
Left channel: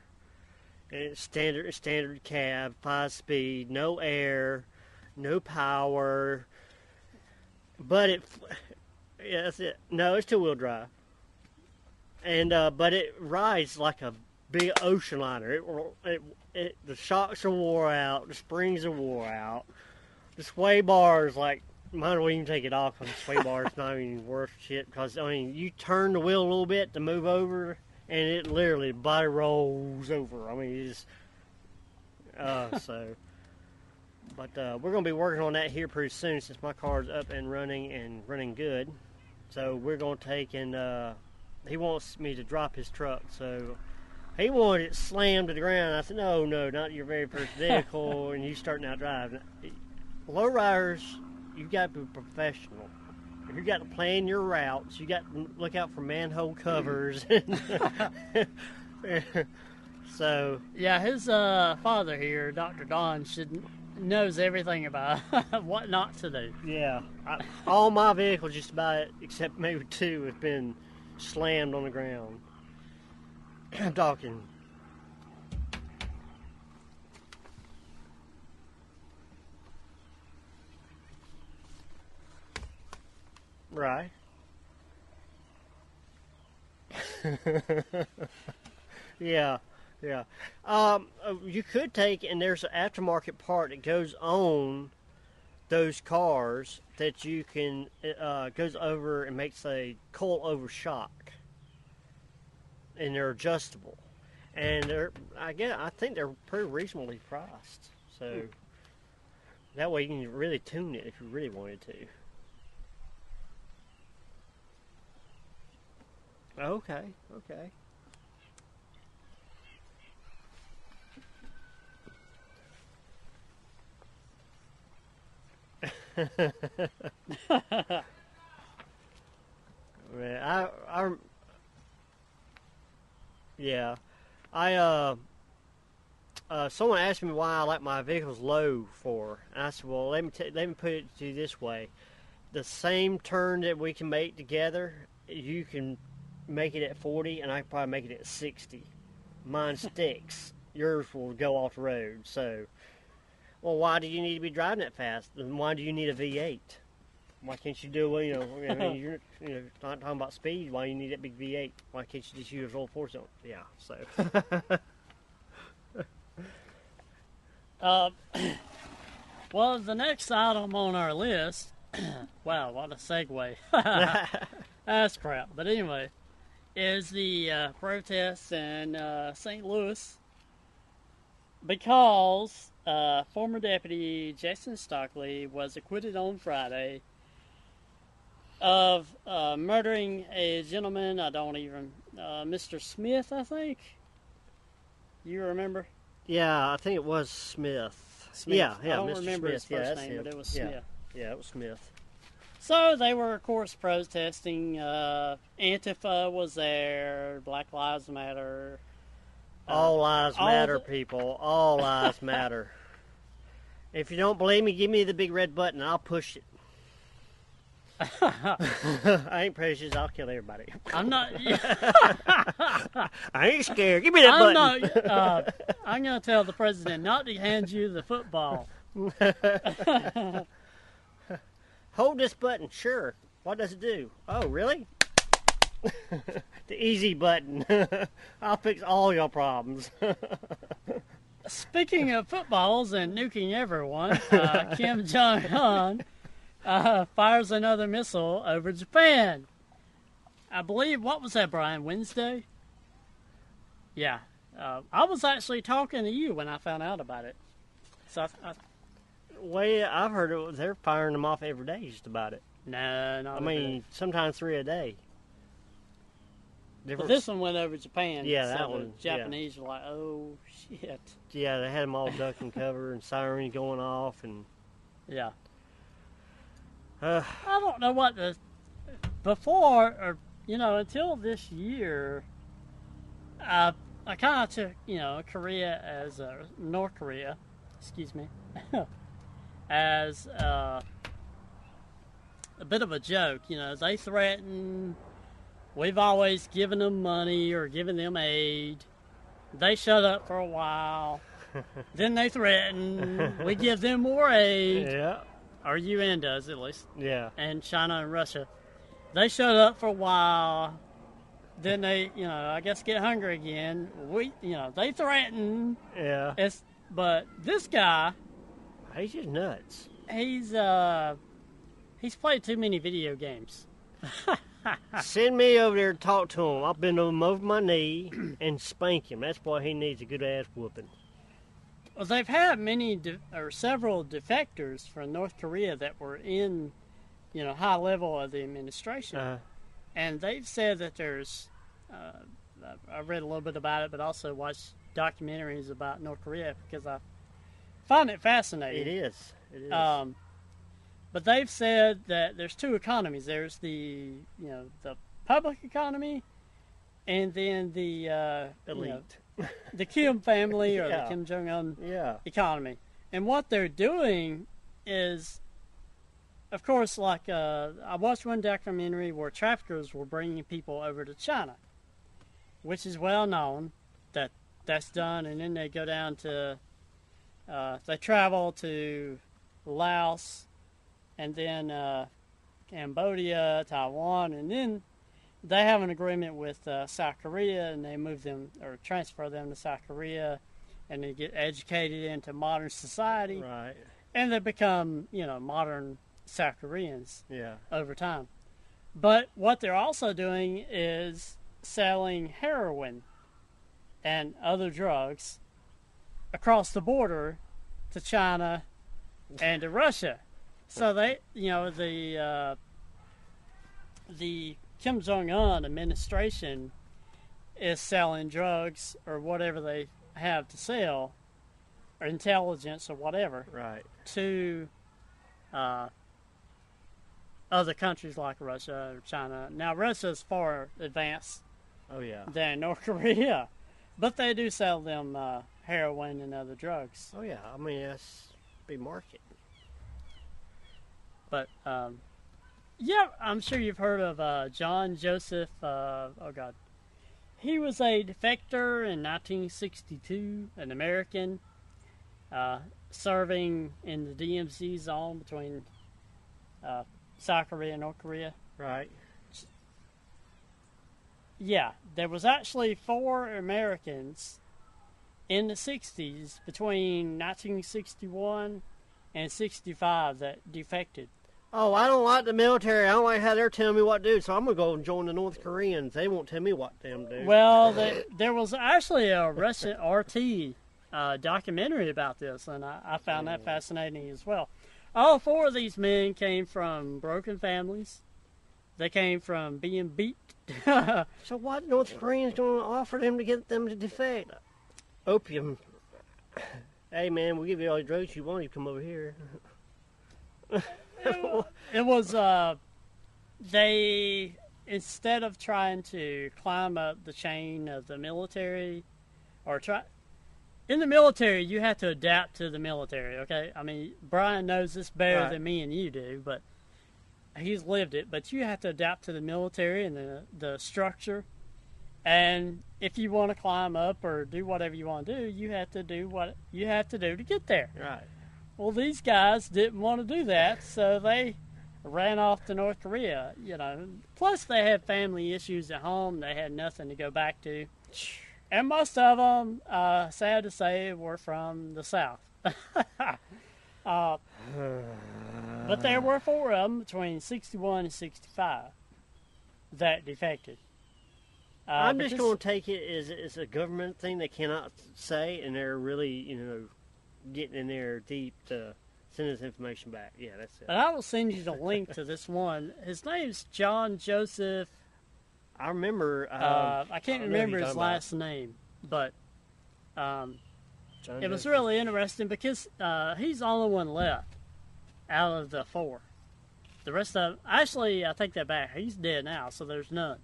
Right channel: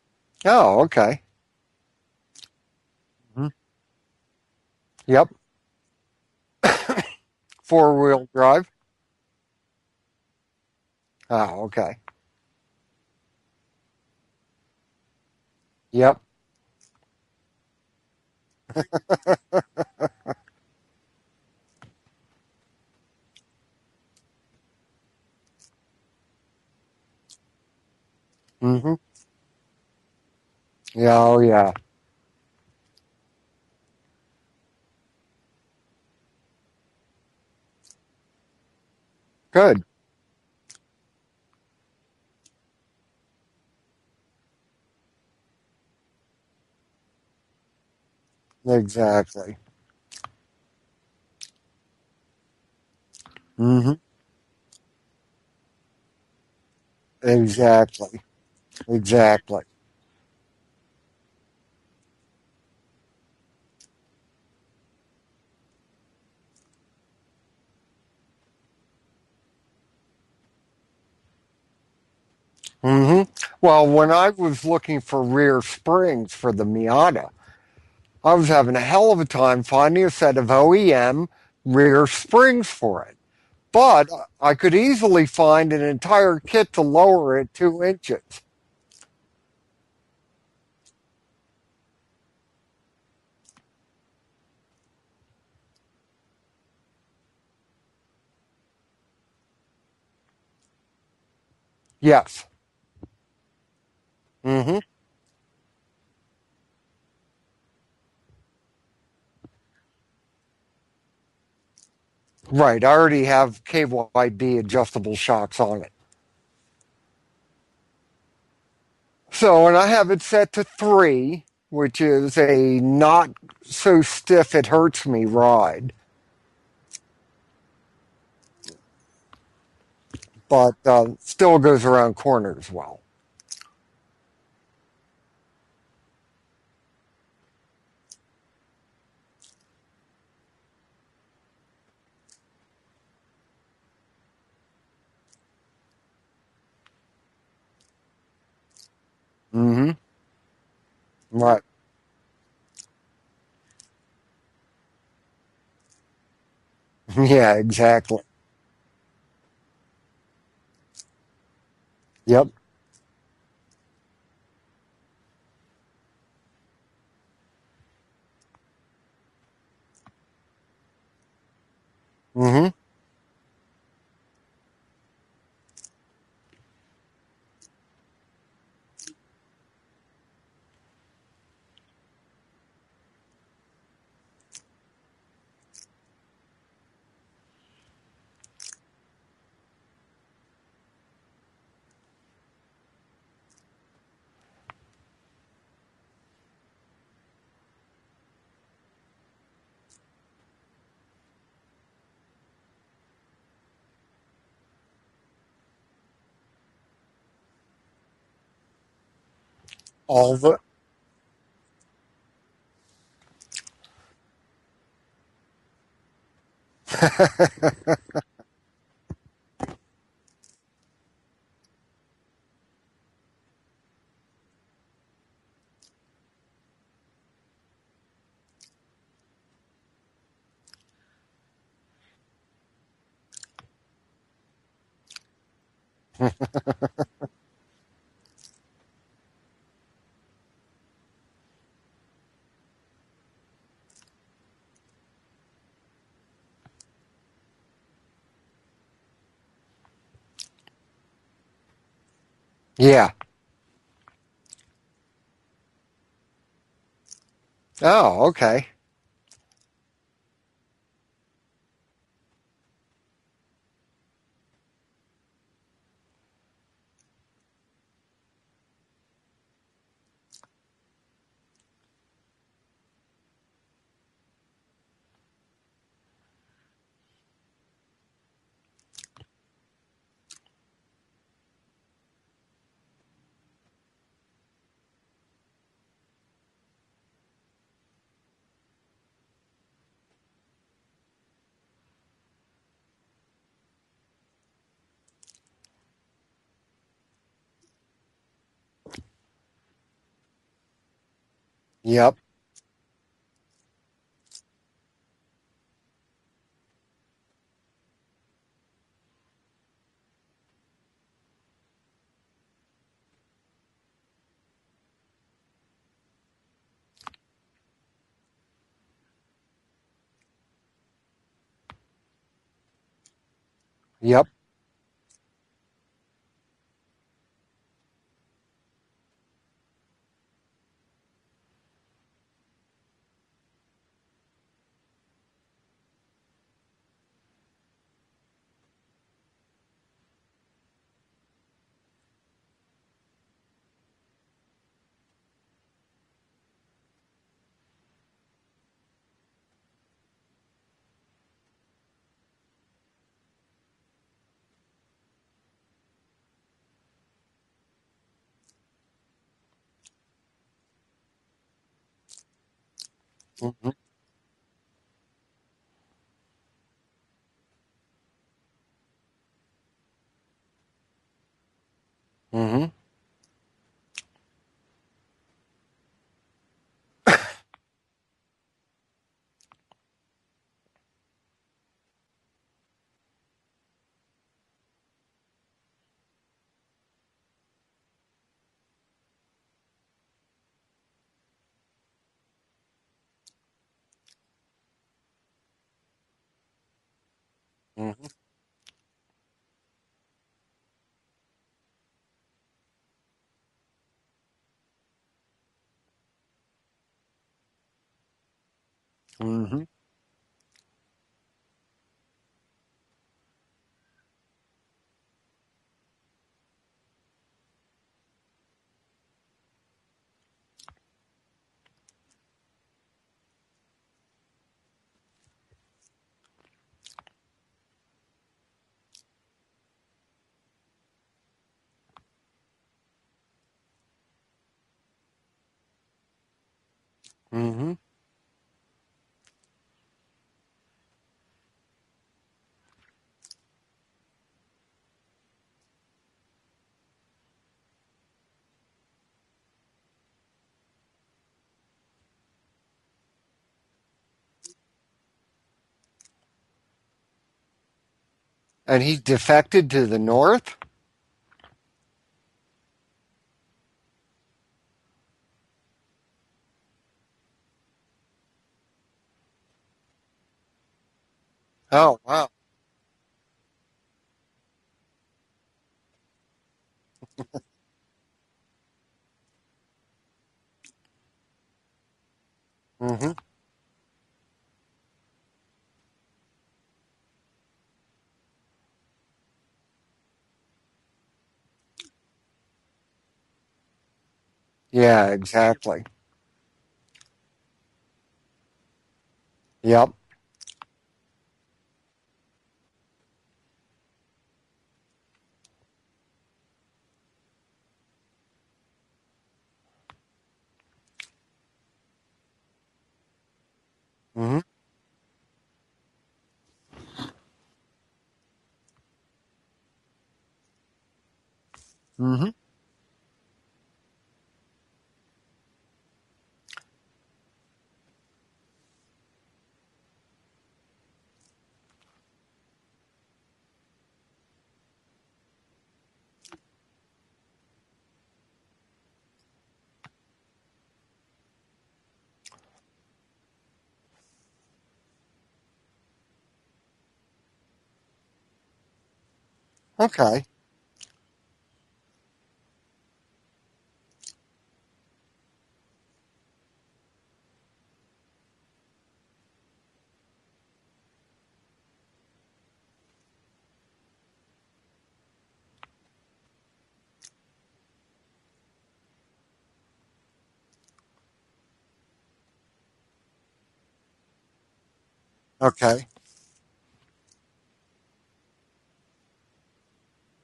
Oh, okay. Standard cab, 5-speed, no air, Yep. no power. 4-wheel drive? Yeah, that's it. No, it's 2-wheel drive. Oh, okay. And but it rides like a big ocean liner. Yep. The shocks are wore out. The springs are wore out. The sway bars, like, might as well even take it off because the sway bar is not even worth shit. Because, I mean, you turn the wheel a little bit to move over, and it literally body rolls over. I mean, it's, Yeah, oh, yeah. But we're going to be working on that here pretty soon since my car's up and running good. Good. So we're going to take and he wants me to drop his truck, so he wanted it slammed to the ground. I said, no, not your very first vehicle, and you start Exactly. Lowriders you got to be professional. You got to plan your routes. You got to look out for manhole covers. Exactly. Exactly. So yeah, his father here, Dr. Don, knows everything about what not to do. Yeah, all my vehicles, just about except maybe 2, have been slammed on the ground. Well, when I was looking for rear springs for the Miata, I was having a hell of a time finding a set of OEM rear springs for it. But I could easily find an entire kit to lower it 2 inches. Yeah. You could take, and there's an aftermarket part that goes on those cars that you can goes over and makes a coil over shock. Yes. And they're adjustable. And I think they're pretty reasonably priced. So that way you can really tune it if you really wanted to. Right. I already have KYB adjustable shocks on it. Okay. So, and I have it set to 3, which is a not so stiff it hurts me ride. But still goes around corners well. Yeah. Someone asked me why I like my vehicles low for, and I said, well, let me put it to you this way. The same turn that we can make together, you can make it at 40, and I can probably make it at 60. Mine sticks. Yours will go off the road. So, well, why do you need to be driving that fast? And why do you need a V8? Yeah, exactly. You're not talking about speed. Why you need that big V8? Why can't you just use roll 4 zone? Yeah, so. Well, the next item on our list, wow, what a segue. That's crap. But anyway, is the protests in St. Louis because former Deputy Jason Stockley was acquitted on Friday of murdering a gentleman, Mr. Smith, I think. You remember? Yeah, I think it was Smith. Yeah, I don't Mr. remember Smith. his first name, but it was Smith. Yeah, it was Smith. So they were, of course, protesting. Antifa was there. Black Lives Matter. All lives matter, people. All lives matter. If you don't believe me, give me the big red button. I'll push it. I ain't precious. I'll kill everybody. I'm not. I ain't scared. Give me that button. I'm going to tell the president not to hand you the football. Hold this button. Sure. What does it do? Oh, really? The easy button. I'll fix all your problems. Speaking of footballs and nuking everyone, Kim Jong-Un fires another missile over Japan. I believe, what was that, Brian, Wednesday? Yeah. Yeah. I was actually talking to you when I found out about it. Oh, okay. Well, I've heard they're firing them off every day just about it. No, not I mean, sometimes 3 a day. But this one went over Japan. Yeah, so that one. The Japanese were like, oh, shit. Yeah, they had them all duck and cover and sirens going off. And yeah. I don't know what before, or, until this year, I kind of took, Korea as, North Korea, excuse me, as a bit of a joke. They threaten, we've always given them money or given them aid. They shut up for a while. Yep. Then they threaten, we give them more aid. Yeah. Or UN does, at least. Yeah. And China and Russia. They shut up for a while. Then they, I guess get hungry again. They threaten. Yeah. But this guy, he's just nuts. He's played too many video games. Yep. Send me over there to talk to him. I'll bend him over my knee and spank him. That's why he needs a good ass whooping. Well, they've had several defectors from North Korea that were in, high level of the administration. And they've said that there's, I read a little bit about it, but also watched documentaries about North Korea because I find it fascinating. It is. But they've said that there's two economies. There's the the public economy, and then the elite, the Kim family or the Kim Jong-Un economy. And what they're doing is, of course, like I watched one documentary where traffickers were bringing people over to China, which is well known that that's done, and then they go down to they travel to Laos, and then Cambodia, Taiwan, and then they have an agreement with South Korea, and they move them or transfer them to South Korea, and they get educated into modern society, right? And they become modern South Koreans over Mm-hmm. time. But what they're also doing is selling heroin and other drugs across the border to China and to Russia. So they, the Kim Jong-Un administration is selling drugs or whatever they have to sell, or intelligence or whatever, right, to other countries like Russia or China. Now, Russia is far advanced than North Korea, but they do sell them heroin and other drugs. Oh yeah, I mean that's big market. But yeah, I'm sure you've heard of John Joseph. He was a defector in 1962, an American, serving in the DMZ zone between South Korea and North Korea. Right. And he defected to the north? Yeah, there was actually 4 Americans in the 60s between 1961 and 65 that defected. Oh, I don't like the military. I don't like how they're telling me what to do, so I'm going to go and join the North Koreans. They won't tell me what to do. Well, there was actually a Russian RT documentary about this, and I found that fascinating as well. All 4 of these men came from broken families. They came from being beat. So what North Koreans going to offer them to get them to defect? Yeah, exactly. Hey, man, we'll give you all the drugs you want. You come over here. Yep. It was, they, instead of trying to climb up the chain of the military, in the military, you have to adapt to the military, okay? I mean, Brian knows this better than me and you do, but he's lived it. But you have to adapt to the military and the structure. And if you want to climb up or do whatever you want to do, you have to do what you have to do to get there. Right. Well, these guys didn't want to do that, so they ran off to North Korea, Plus, they had family issues at home. They had nothing to go back to. And most of them, sad to say, were from the South. But there were 4 of them between 61 and 65 that defected. I'm just going to take it as it's a government thing they cannot say, and they're really, getting in there deep to send us information back. Yeah, that's it. And I will send you the link to this one. His name's John Joseph. I remember. I can't remember his last name, but it was really interesting because he's the only one left out of the 4. The rest of actually, I take that back. He's dead now, so there's none.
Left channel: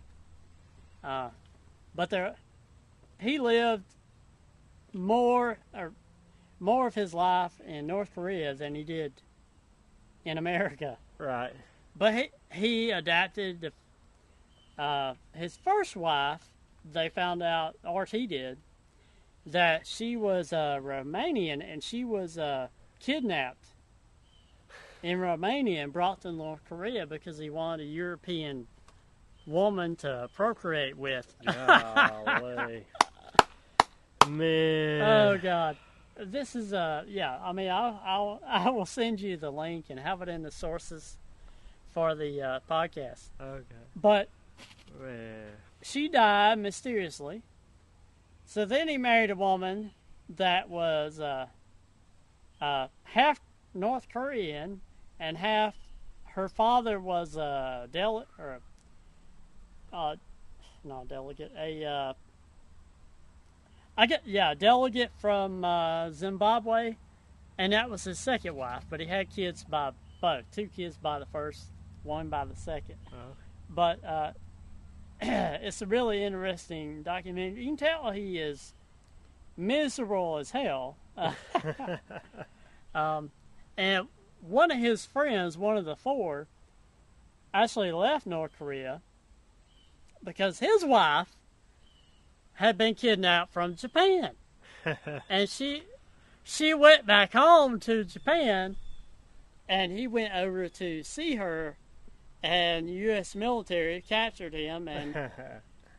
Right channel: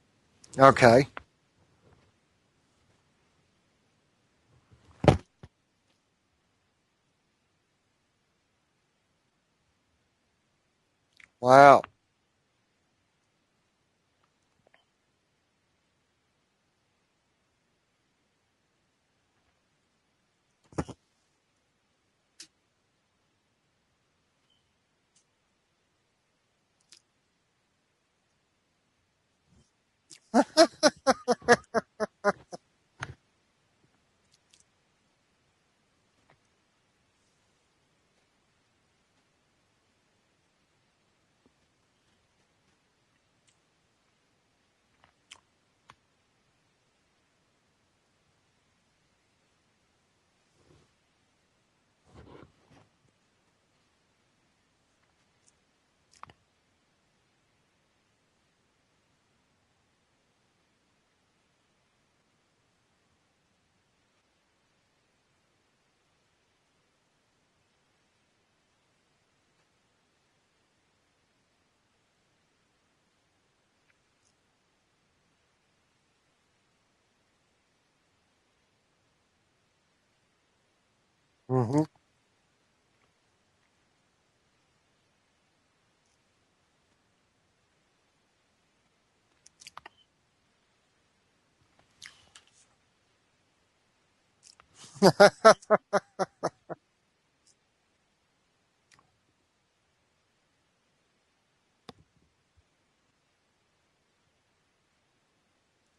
Okay. But he lived more of his life in North Korea than he did in America. Right. Wow. But he adapted. His first wife, they found out, or he did, that she was Romanian, and she was kidnapped in Romania and brought to North Korea because he wanted a European woman to procreate with. Golly. Man. Oh God, this is I mean, I will send you the link and have it in the sources for the podcast. Okay. But Man. she died mysteriously. So then he married a woman that was half North Korean and half. Her father was a delegate delegate from Zimbabwe, and that was his second wife. But he had kids by both. 2 kids by the first, 1 by the second. Oh. But it's a really interesting documentary. You can tell he is miserable as hell. And one of his friends, one of the 4, actually left North Korea because his wife had been kidnapped from Japan. And she went back home to Japan, and he went over to see her, and U.S. military captured him, and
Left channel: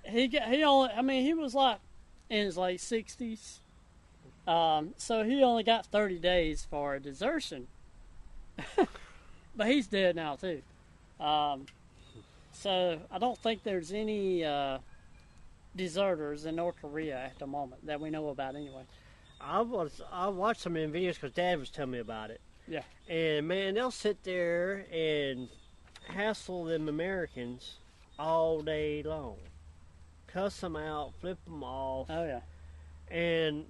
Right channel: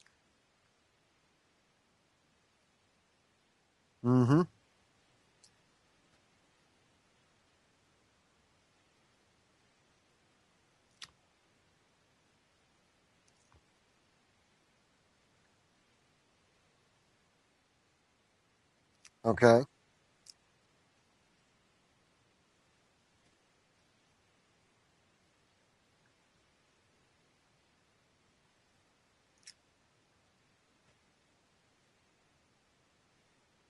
he was like in his late 60s. So he only got 30 days for desertion. But he's dead now too. So I don't think there's any deserters in North Korea at the moment that we know about anyway. Okay. I watched some of the videos because Dad was telling me about it. Yeah. And man, they'll sit there and hassle them Americans all day long. Cuss them out, flip them off. Oh yeah. And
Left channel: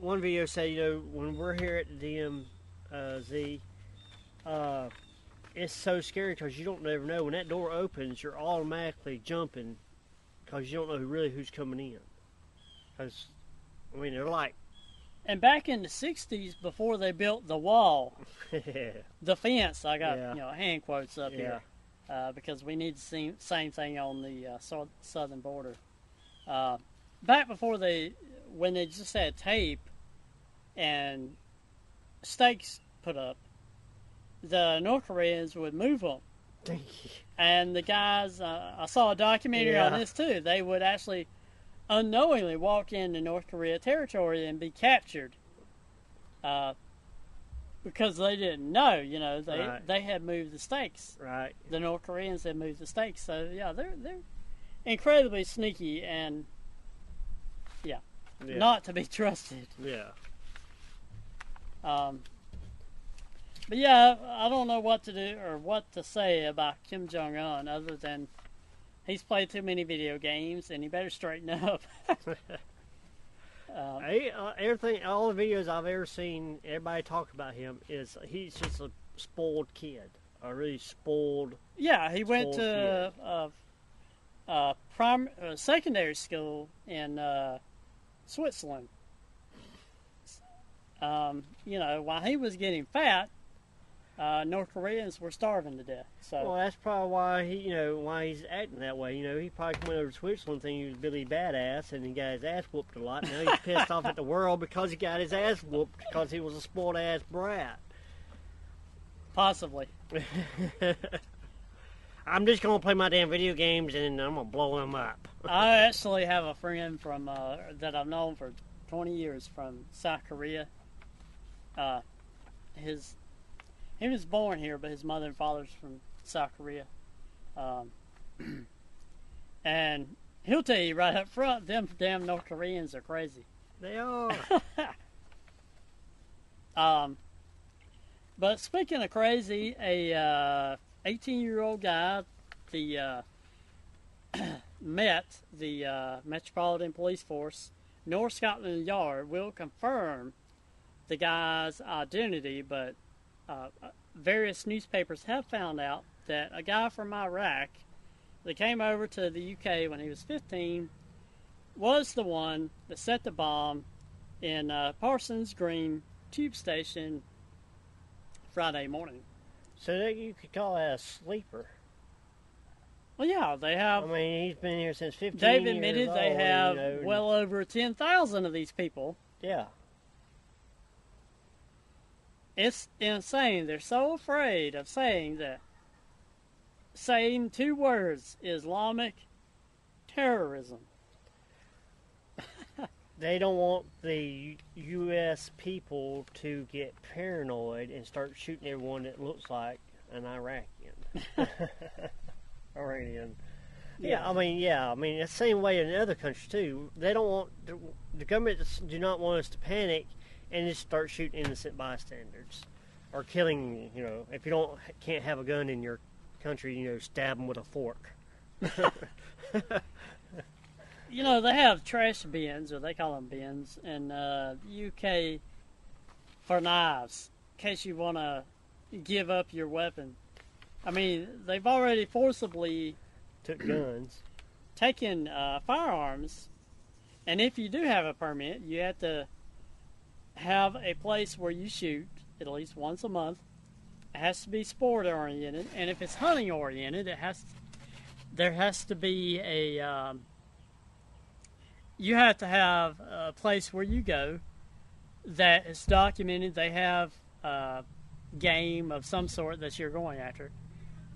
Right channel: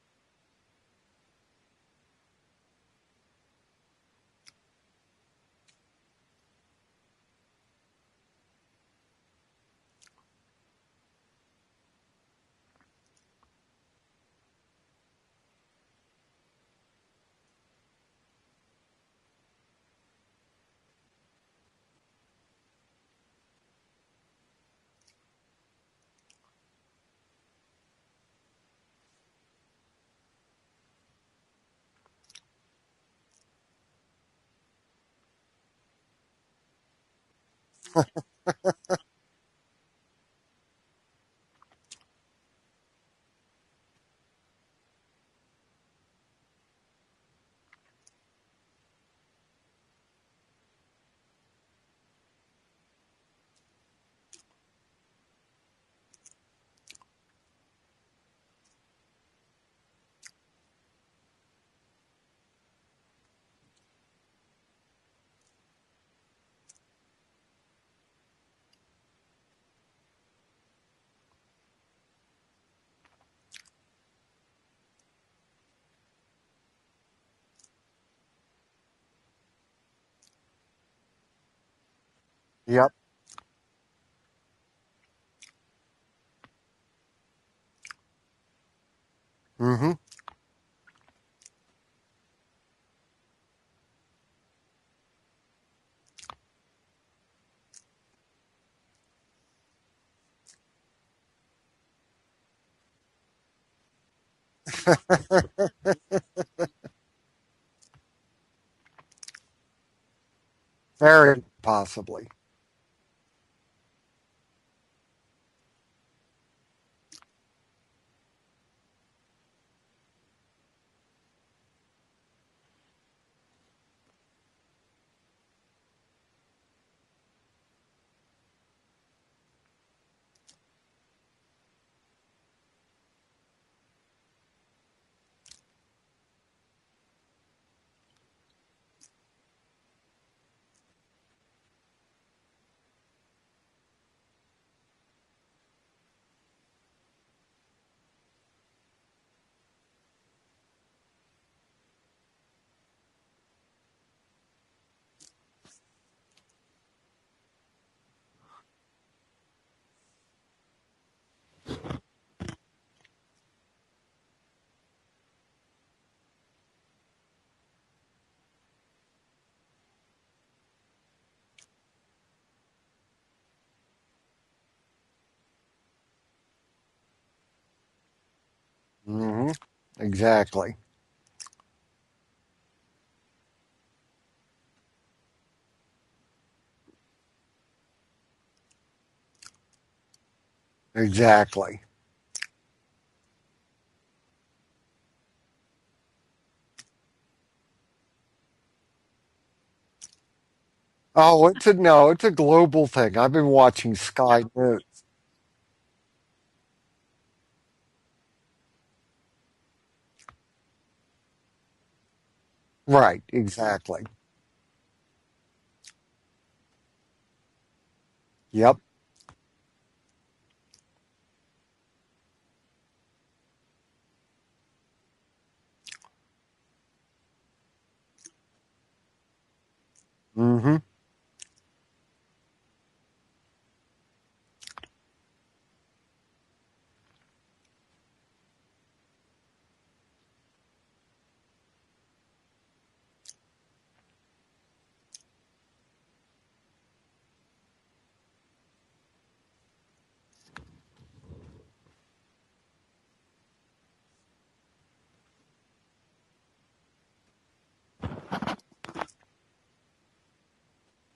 one video said, when we're here at the DMZ, it's so scary because you don't never know. When that door opens, you're automatically jumping because you don't know really who's coming in. Because, they're like... And back in the 60s, before they built the wall, the fence, I got hand quotes up here, because we need the same thing on the southern border. Back before when they just had tape and stakes put up, the North Koreans would move them. And the guys, I saw a documentary on this too, they would actually unknowingly walk into North Korea territory and be captured because they didn't know, they had moved the stakes. Right. The North Koreans had moved the stakes. So, yeah, they're incredibly sneaky and, not to be trusted. Yeah. But yeah, I don't know what to do or what to say about Kim Jong-Un other than he's played too many video games and he better straighten up. All the videos I've ever seen, everybody talk about him is he's just a spoiled kid, a really spoiled. Yeah, he went to secondary school in Switzerland. While he was getting fat, North Koreans were starving to death. So. Well, that's probably why why he's acting that way. He probably went over to Switzerland thinking he was Billy Badass, and he got his ass whooped a lot. Now he's pissed off at the world because he got his ass whooped because he was a spoiled ass brat. Possibly. Very possibly. I'm just gonna play my damn video games and I'm gonna blow them up. I actually have a friend from that I've known for 20 years from South Korea. He was born here, but his mother and father's from South Korea. And he'll tell you right up front, them damn North Koreans are crazy. They are. But speaking of crazy, a 18-year-old guy, met the Metropolitan Police Force, North Scotland Yard, will confirm the guy's identity, but various newspapers have found out that a guy from Iraq that came over to the UK when he was 15 was the one that set the bomb in Parsons Green tube station Friday morning. So that you could call that a sleeper. Well, yeah, they have. He's been here since 15 They've years admitted old, they have well over 10,000 of these people. Yeah. Exactly. It's insane. They're so afraid of saying 2 words, Islamic terrorism. Exactly. They don't want the U.S. people to get paranoid and start shooting everyone that looks like an Iraqi. Oh, it's a global thing. I've been watching Sky News. It's the same way in other countries too. They don't want the government do not want us to panic and just start shooting innocent bystanders. Right, or killing exactly. Them, if you can't have a gun in your country, stab them with a fork. Yep. They have trash bins, or they call them bins, in the UK for knives, in case you want to, give up your weapon. Mm-hmm. I mean, they've already forcibly took guns, taken firearms, and if you do have a permit, you have to have a place where you shoot at least once a month. It has to be sport oriented, and if it's hunting oriented, there has to be you have to have a place where you go that is documented. They have game of some sort that you're going after.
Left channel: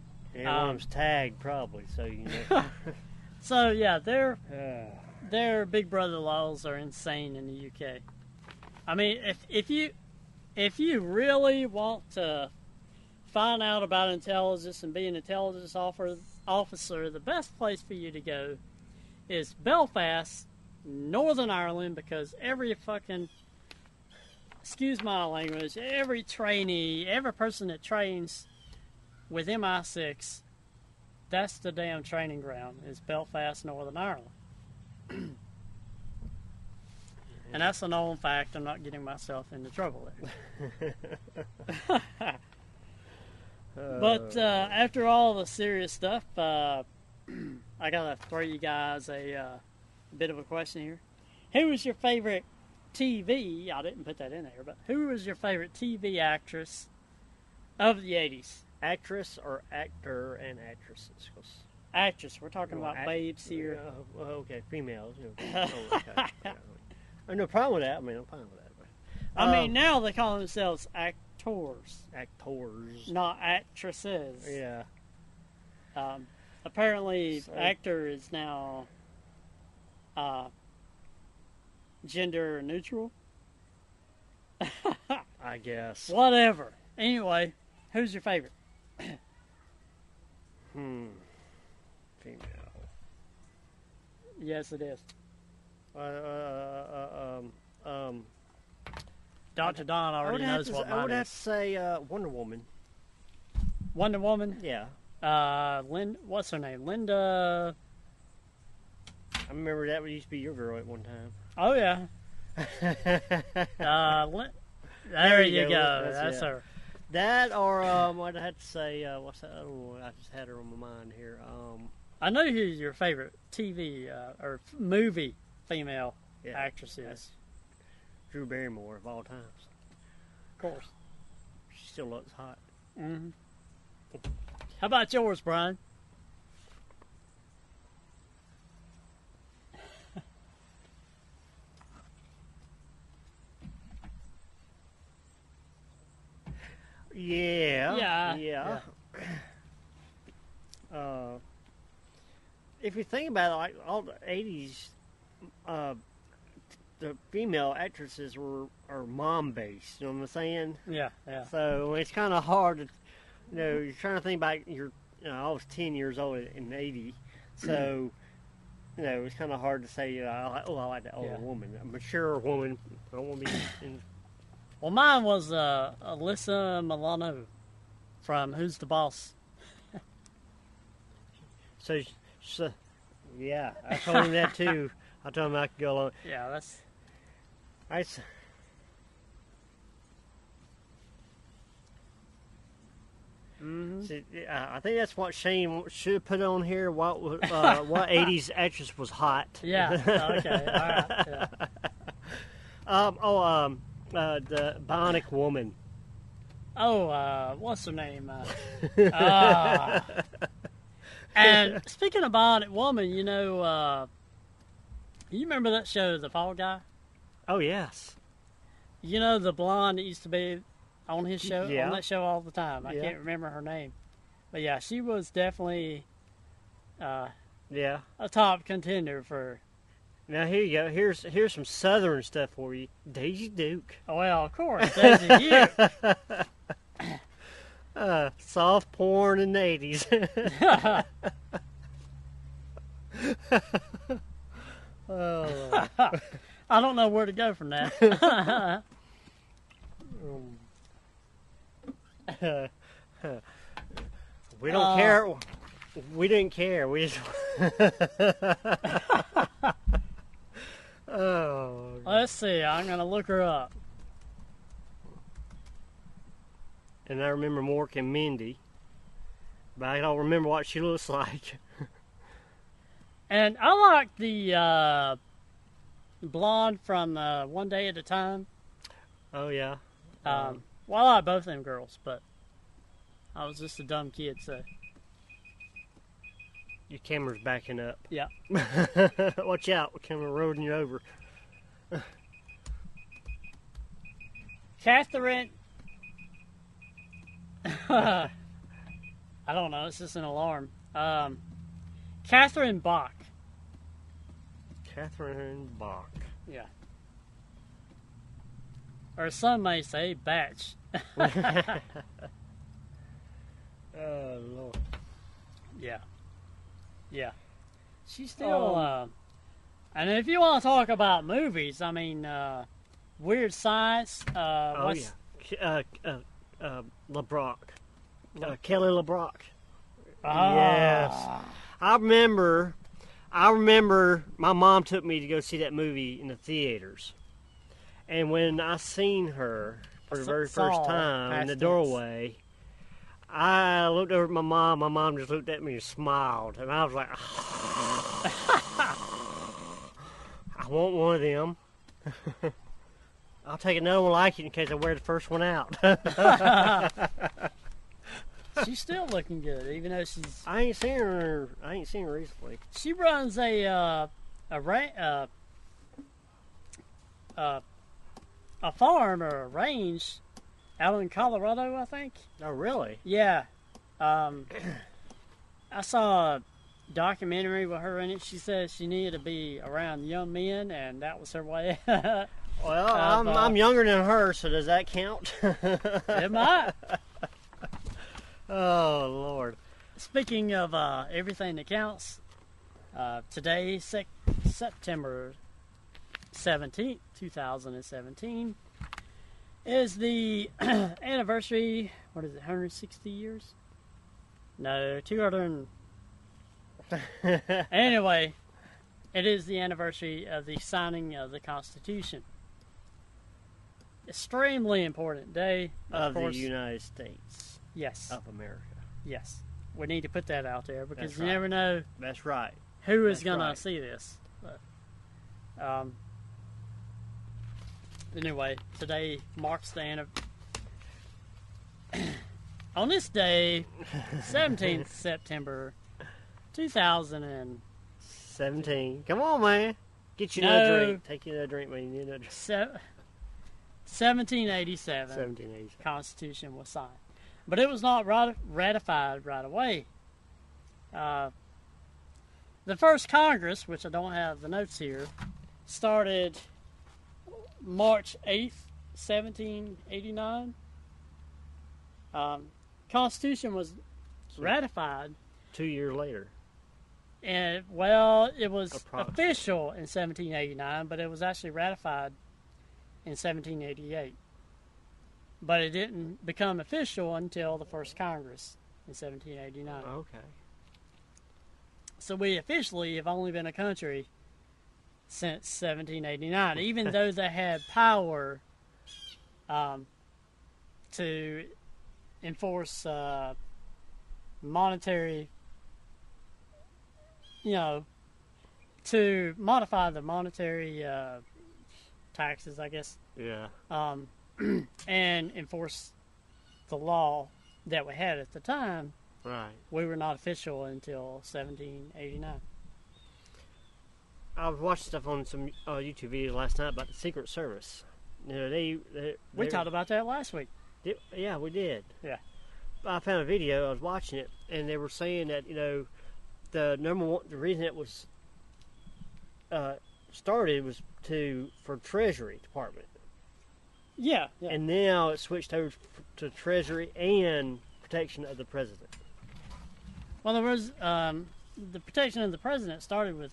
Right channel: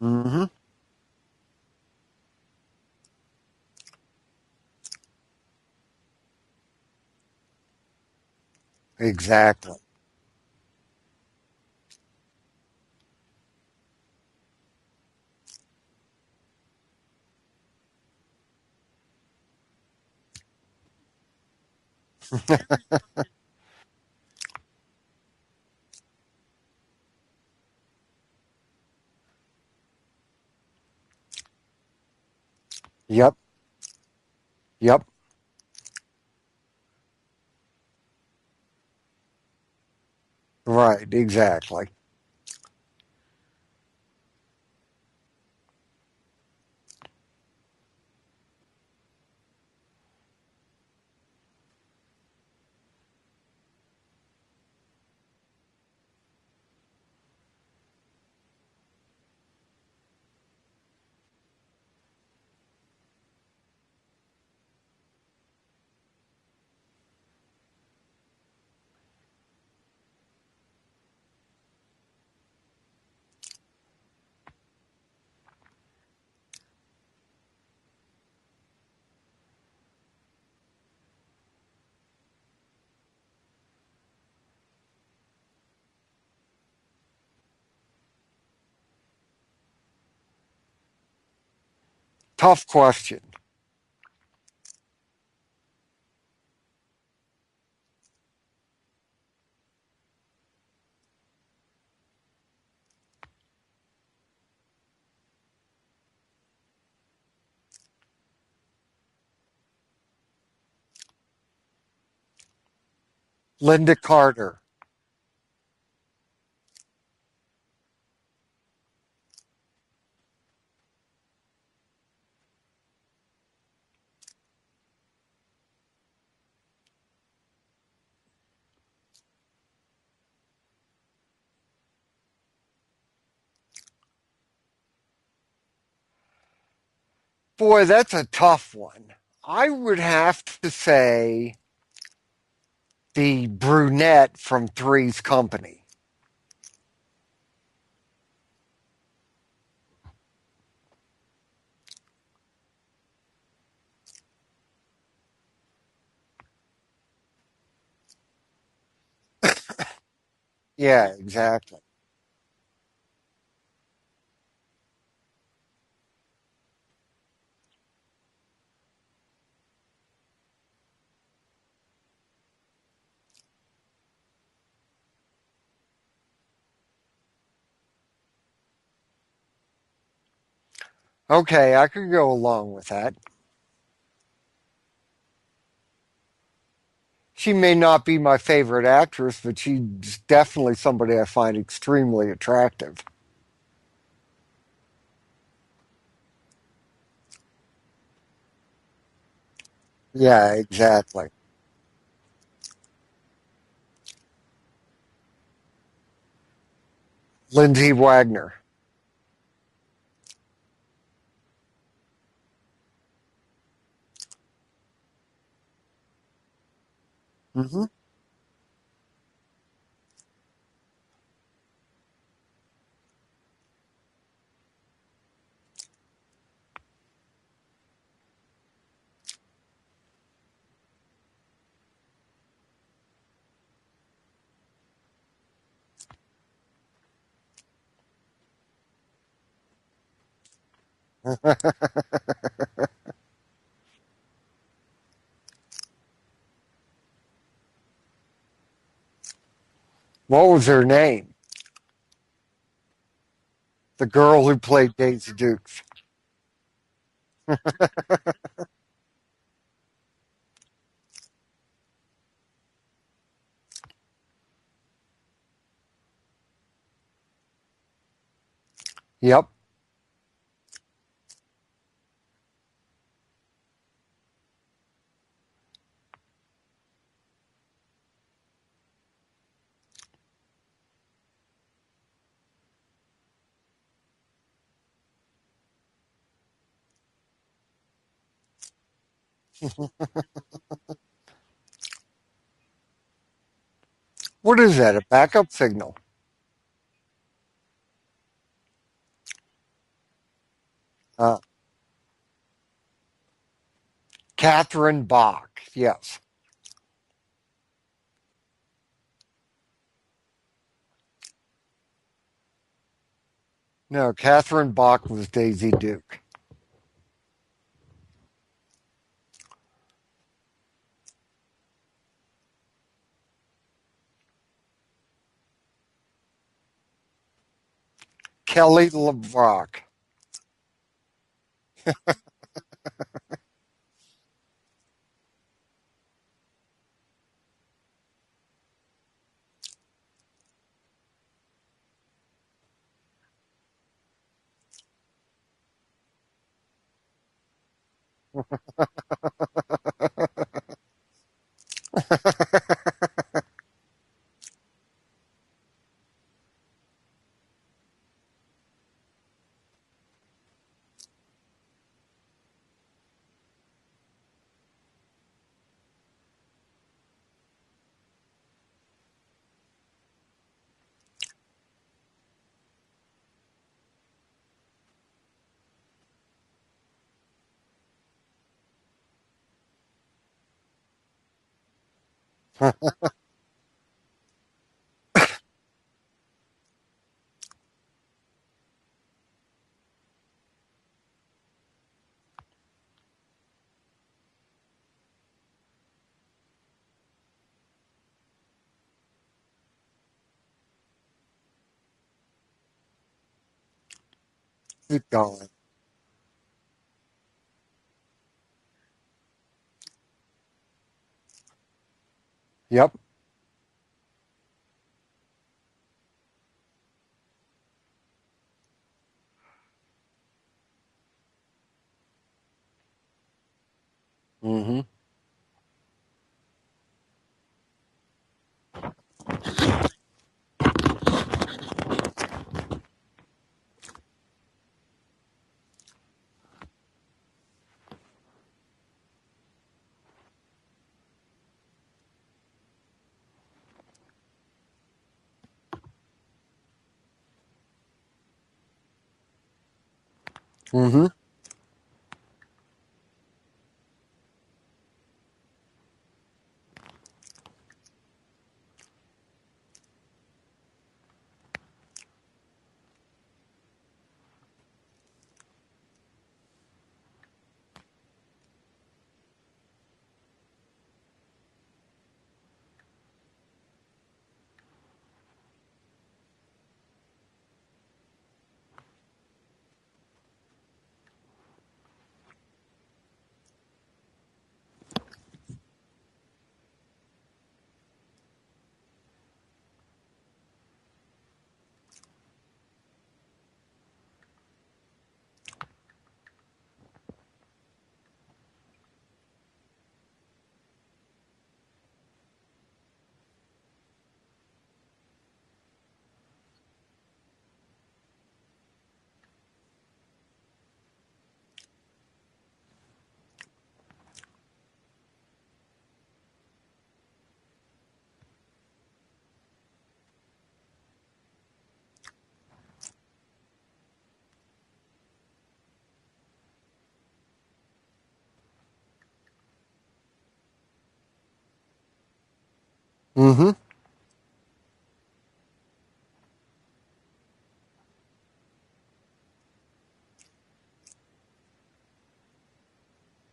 Mm-hmm. one of them's tagged probably, so you know. So yeah, their Big Brother laws are insane in the UK. I mean, exactly. if you really want to find out about intelligence and be an intelligence officer, the best place for you to go is Belfast, Northern Ireland, because every fucking, excuse my language, every trainee, every person that trains with MI6, that's the damn training ground, is Belfast, Northern Ireland. Yep. And that's a known fact. I'm not getting myself into trouble there. Right, exactly. But after all the serious stuff, I gotta throw you guys a bit of a question here. Who was your favorite TV? I didn't put that in there, but who was your favorite TV actress of the 80s? Actress or actor and actresses? Actress. We're talking about babes here. Okay, females. You know. Okay. Yeah. I have no problem with that. I mean, I'm fine with that. But, I mean, now they call themselves actors. Actors. Not actresses. Yeah. Apparently, actor is now gender neutral. I guess. Whatever. Anyway, who's your favorite? Tough question. Yes, it is. Um, Dr. Don already knows what mine is. I would have to say Wonder Woman. Wonder Woman? Yeah. What's her name? Linda. I remember that used to be your girl at one time. Oh, yeah. Linda Carter. There you go. That's her. That or what I had to say, what's that other one? I just had her on my mind here. I know who your favorite TV or movie female actress is. Drew Barrymore of all times. Of course. She still looks hot. Mm-hmm. How about yours, Brian? Boy, that's a tough one. I would have to say the brunette from Three's Company. Yeah. If you think about it, like all the 80s, the female actresses are mom-based. You know what I'm saying? Yeah, exactly. So it's kind of hard to, you're trying to think about I was 10 years old in 80, so, it's kind of hard to say, I like that older woman, a mature woman. I don't want to be in. Well, mine was Alyssa Milano from Who's the Boss? Okay, I could go along with that. Yeah, I told him that too. I told him I could go along. Yeah, that's. She may not be my favorite actress, but she's definitely somebody I find extremely attractive. Mm-hmm. See, I think that's what Shane should put on here. What 80s actress was hot? Yeah. Yeah, exactly. The Bionic Woman. Oh, Lindsay Wagner. And speaking of Bionic Woman, you remember that show, The Fall Guy? Oh, yes. You know the blonde that used to be on his show, on that show all the time. I can't remember her name, but yeah, she was definitely a top contender for. Now here you go. Here's some Southern stuff for you. Daisy Duke. Oh, well, of course, Daisy Duke. Soft porn in the 80s. I don't know where to go from that. What was her name? The girl who played Daisy Duke. We didn't care. We just. Let's see. I'm gonna look her up. and I remember Mork and Mindy. Yep. But I don't remember what she looks like. And I like the blonde from One Day at a Time. Oh, yeah. Well, I like both of them girls, but I was just a dumb kid, so. Your camera's backing up. Yeah. Watch out. The camera rolling you over. What is that? A Catherine- backup signal? I don't know. It's just an alarm. Catherine Bach. Catherine Bach. Catherine Yes. Yeah. Or some may say Batch. No, Catherine Bach was Daisy Duke. Yeah. She's still, and if you want to talk about movies, I mean, Weird Science, what's... LeBrock. Kelly LeBrock. Yes. I remember my mom took me to go see that movie in the theaters. And when I seen her for the very first time in the doorway, I looked over at my mom. My mom just looked at me and smiled. And I was like, I want one of them. I'll take another one like it in case I wear the first one out. She's still looking good, even though she's... I ain't seen her recently. She runs a farm or a range out in Colorado, I think. Oh, really? Yeah. I saw a documentary with her in it. She said she needed to be around young men, and that was her way. Well, I'm younger than her, so does that count? It might. Oh, Lord. Speaking of everything that counts, today, September 17th, 2017, is the anniversary, what is it, 160 years? No, 200. Anyway, it is the anniversary of the signing of the Constitution. Yep. Extremely important day. Of course. The United States. Yes. Of America. Yes. We need to put that out there because That's you right. never know That's right. who is That's going right. to see this. Mm-hmm. Anyway, today marks the on this day, 17th September 2017. Come on, man. Get you another drink. Take you another drink, man. You need another drink. 1787. 1787. Constitution was signed. But it was not ratified right away. Mm-hmm. The first Congress, which I don't have the notes here, started March 8th, 1789. Constitution was ratified 2 years later. And, well, it was official in 1789, but it was actually ratified in 1788. But it didn't become official until the first Congress in 1789. Okay. So we officially have only been a country since 1789, even though they had power to enforce monetary, to modify the monetary taxes, I guess. Yeah. And enforce the law that we had at the time. Right. We were not official until 1789. I was watching stuff on some YouTube videos last night about the Secret Service. You know, we talked about that last week. Yeah, we did. Yeah. I found a video. I was watching it, and they were saying that the reason it was started was for Treasury Department. Mm-hmm. Yeah. And now it switched over to Treasury and protection of the president. Well, there was the protection of the president started with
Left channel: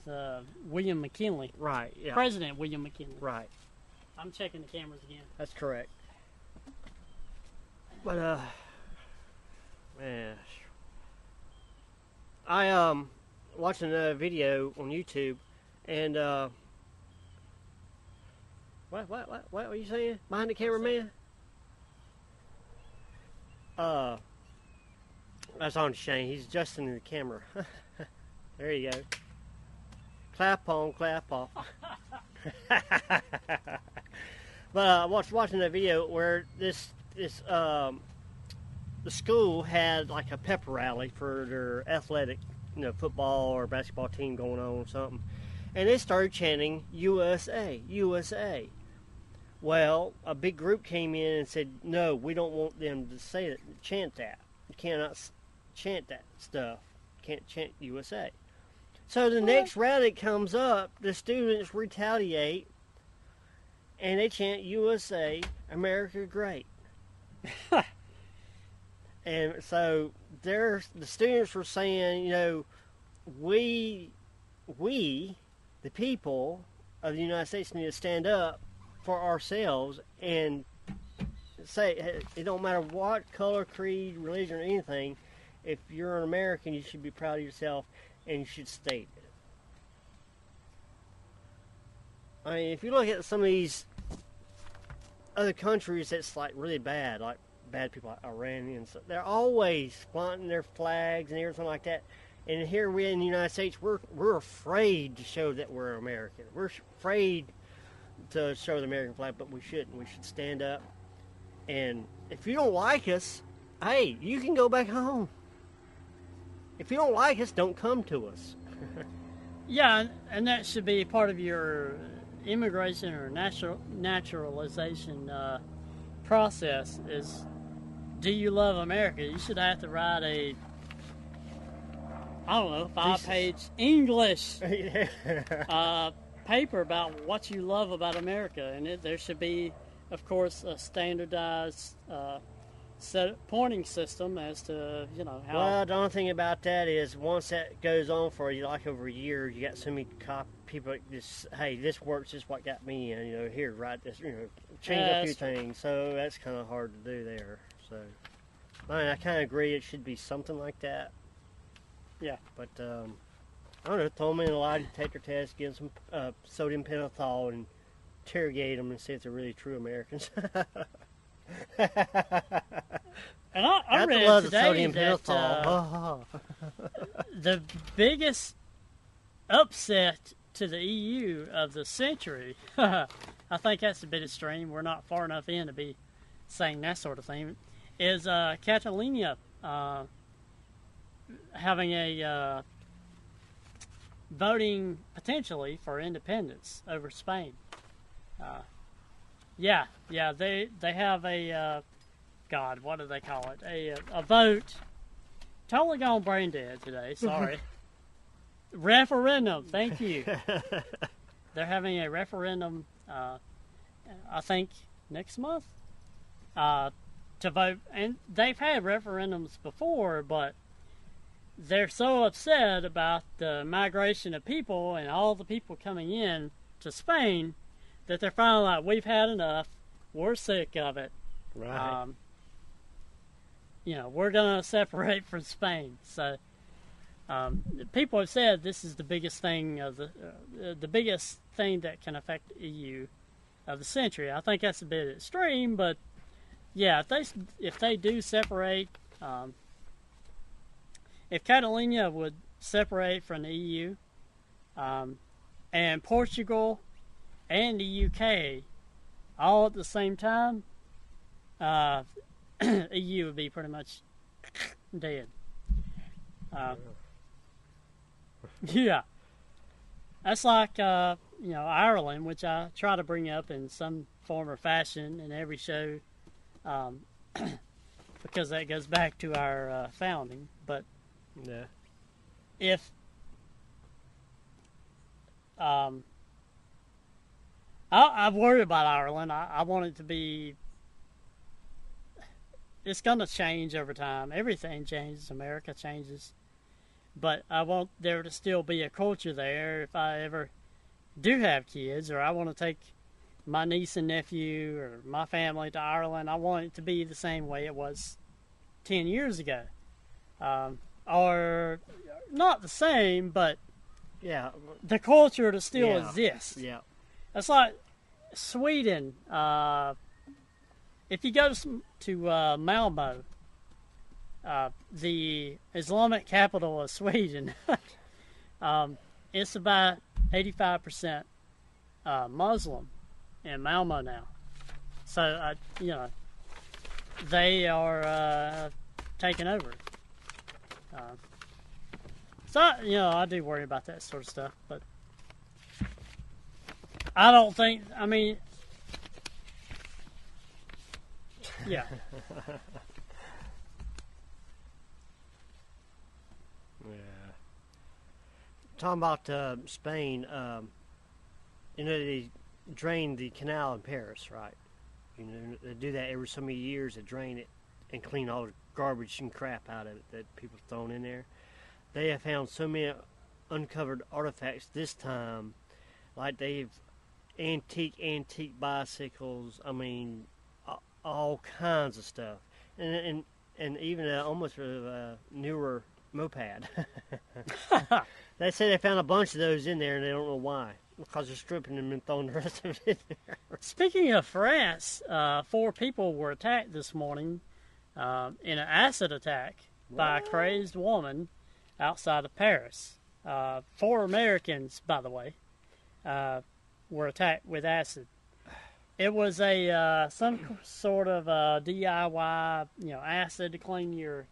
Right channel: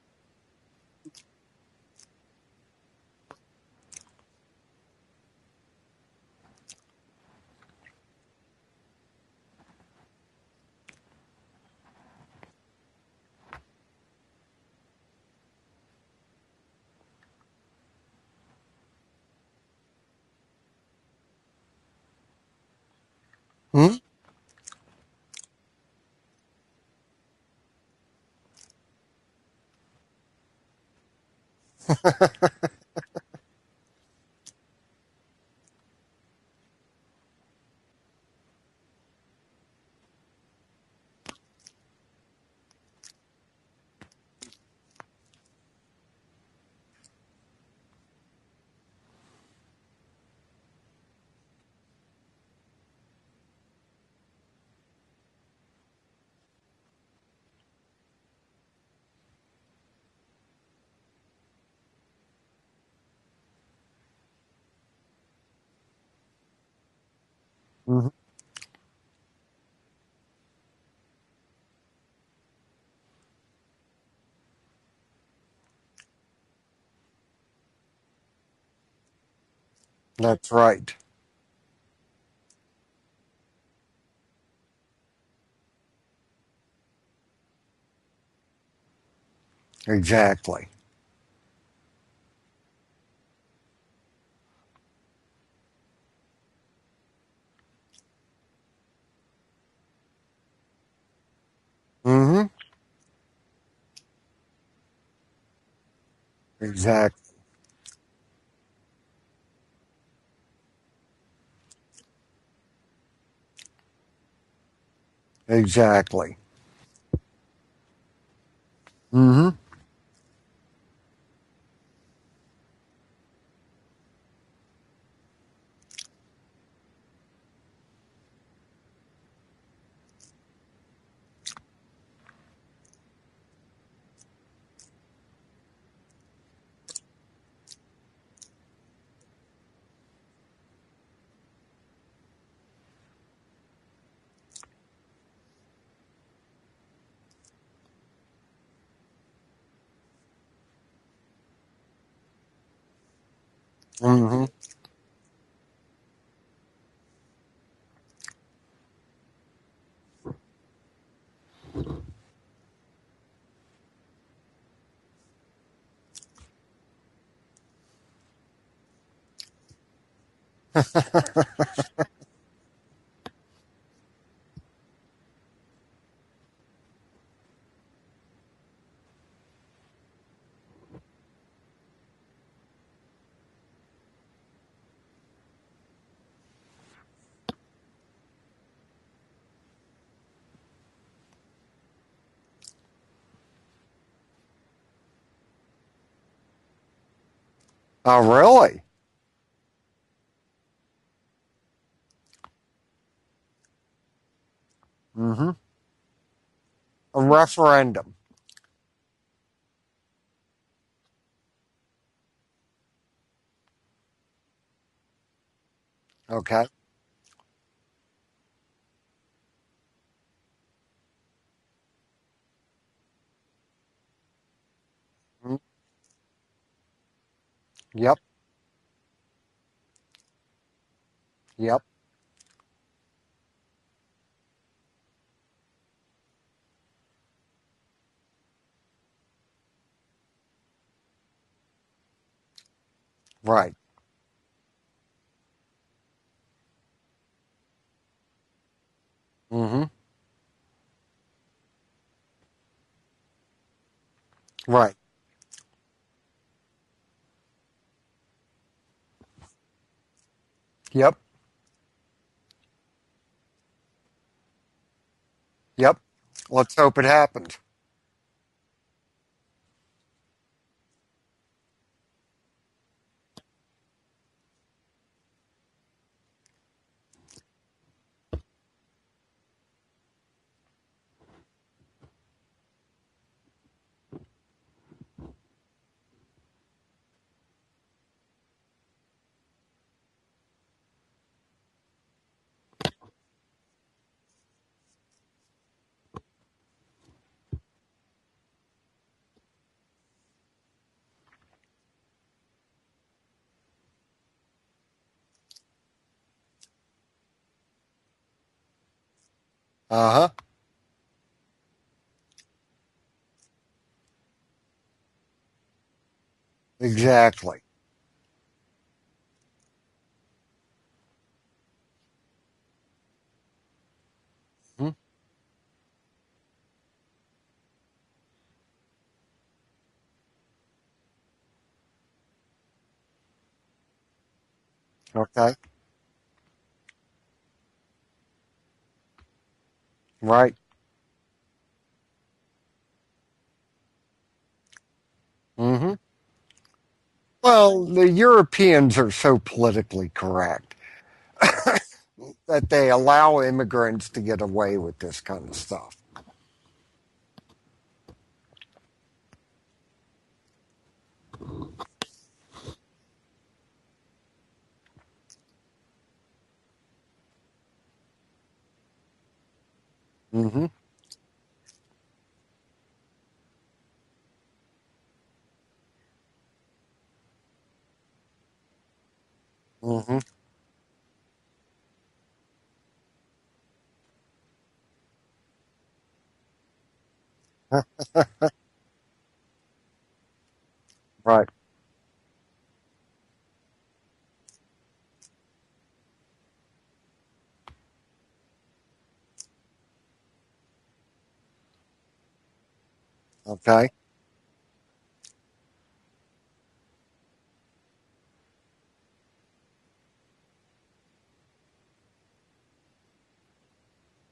William McKinley. Right. Yeah. President William McKinley. Right. I'm checking the cameras again. That's correct. But man, I watching a video on YouTube, and what were you saying behind the camera, man? That's on Shane. He's adjusting the camera. There you go. Clap on, clap off. But I was watching a video where the school had like a pep rally for their athletic, football or basketball team going on or something, and they started chanting USA, USA. Well, a big group came in and said, no, we don't want them to say that, chant that. You cannot chant that stuff. You can't chant USA. So the next rally comes up, the students retaliate, and they chant USA, America Great. Mm-hmm. And so the students were saying, we, the people of the United States, need to stand up for ourselves. That's right. Say, it don't matter what color, creed, religion, or anything. If you're an American, you should be proud of yourself, and you should state it. Exactly. I mean, if you look at some of these other countries that's like really bad, like bad people like Iranians, they're always flaunting their flags and everything like that. Mm-hmm. And here we in the United States, we're afraid to show that we're American. We're Exactly. afraid to show the American flag, but we shouldn't. We should stand up. And if you don't like us, hey, you can go back home. Exactly. If you don't like us, don't come to us. Mm-hmm. Yeah, and that should be part of your immigration or naturalization process is, do you love America? You should have to write a, 5-page English paper about what you love about America. And there should be, of course, a standardized pointing system as to, how... Well, the only thing about that is once that goes on for like over a year, you got so many people just, hey, this works, just what got me in, here, right there. Mm-hmm. Change a few things, so that's kind of hard to do there. So, I kind of agree it should be something like that. Yeah. But, I don't know, throw them in a lie detector test, give them some sodium pentothal, and interrogate them and see if they're really true Americans. And I read today that the biggest upset to the EU of the century, I think that's a bit extreme, we're not far enough in to be saying that sort of thing, is Catalonia having a voting potentially for independence over Spain. Oh, really? Yeah, they have a what do they call it? A vote. Mm-hmm. Totally gone brain dead today. A referendum. Referendum. Thank you. They're having a referendum. I think next month. Okay. To vote, and they've had referendums before, but they're so upset about the migration of people and all the people coming in to Spain. Yep. That they're finally like, we've had enough. We're sick of it. Yep. We're going to separate from Spain. So people have said this is the biggest thing of the biggest thing that can affect the EU of the century. I think that's a bit extreme, but yeah, if they do separate, if Catalonia would separate from the EU, and Portugal and the UK all at the same time, yep, EU would be pretty much dead. Yep. Let's hope it happens. Yeah. That's like, Ireland, which I try to bring up in some form or fashion in every show, because that goes back to our founding. But if I worry about Ireland. I want it to be. It's going to change over time. Everything changes. America changes. But I want there to still be a culture there if I ever do have kids, or I want to take my niece and nephew or my family to Ireland. I want it to be the same way it was 10 years ago. Or not the same, but the culture to still exist. Yeah. Exactly. It's like Sweden. If you go to Malmo, The Islamic capital of Sweden, it's about 85% Muslim in Malmo now. So, Okay. they are taking over. Right. So, I do worry about that sort of stuff, but Mm-hmm. I don't Well, think... the Europeans are so politically correct that they allow immigrants to get away with this kind of stuff. Yeah. Talking about Spain, they drain the canal in Paris, right? They do that every so many years to drain it and clean all the garbage and crap out of it that's thrown in there. They have found so many uncovered artifacts this time, like they've antique bicycles. I mean, all kinds of stuff, and even almost a newer moped. They say they found a bunch of those in there, and they don't know why, because they're stripping them and throwing the rest of it in there. Speaking of France, 4 people were attacked this morning in an acid attack by a crazed woman outside of Paris. 4 Americans, by the way, were attacked with acid. It was some sort of DIY, acid to clean your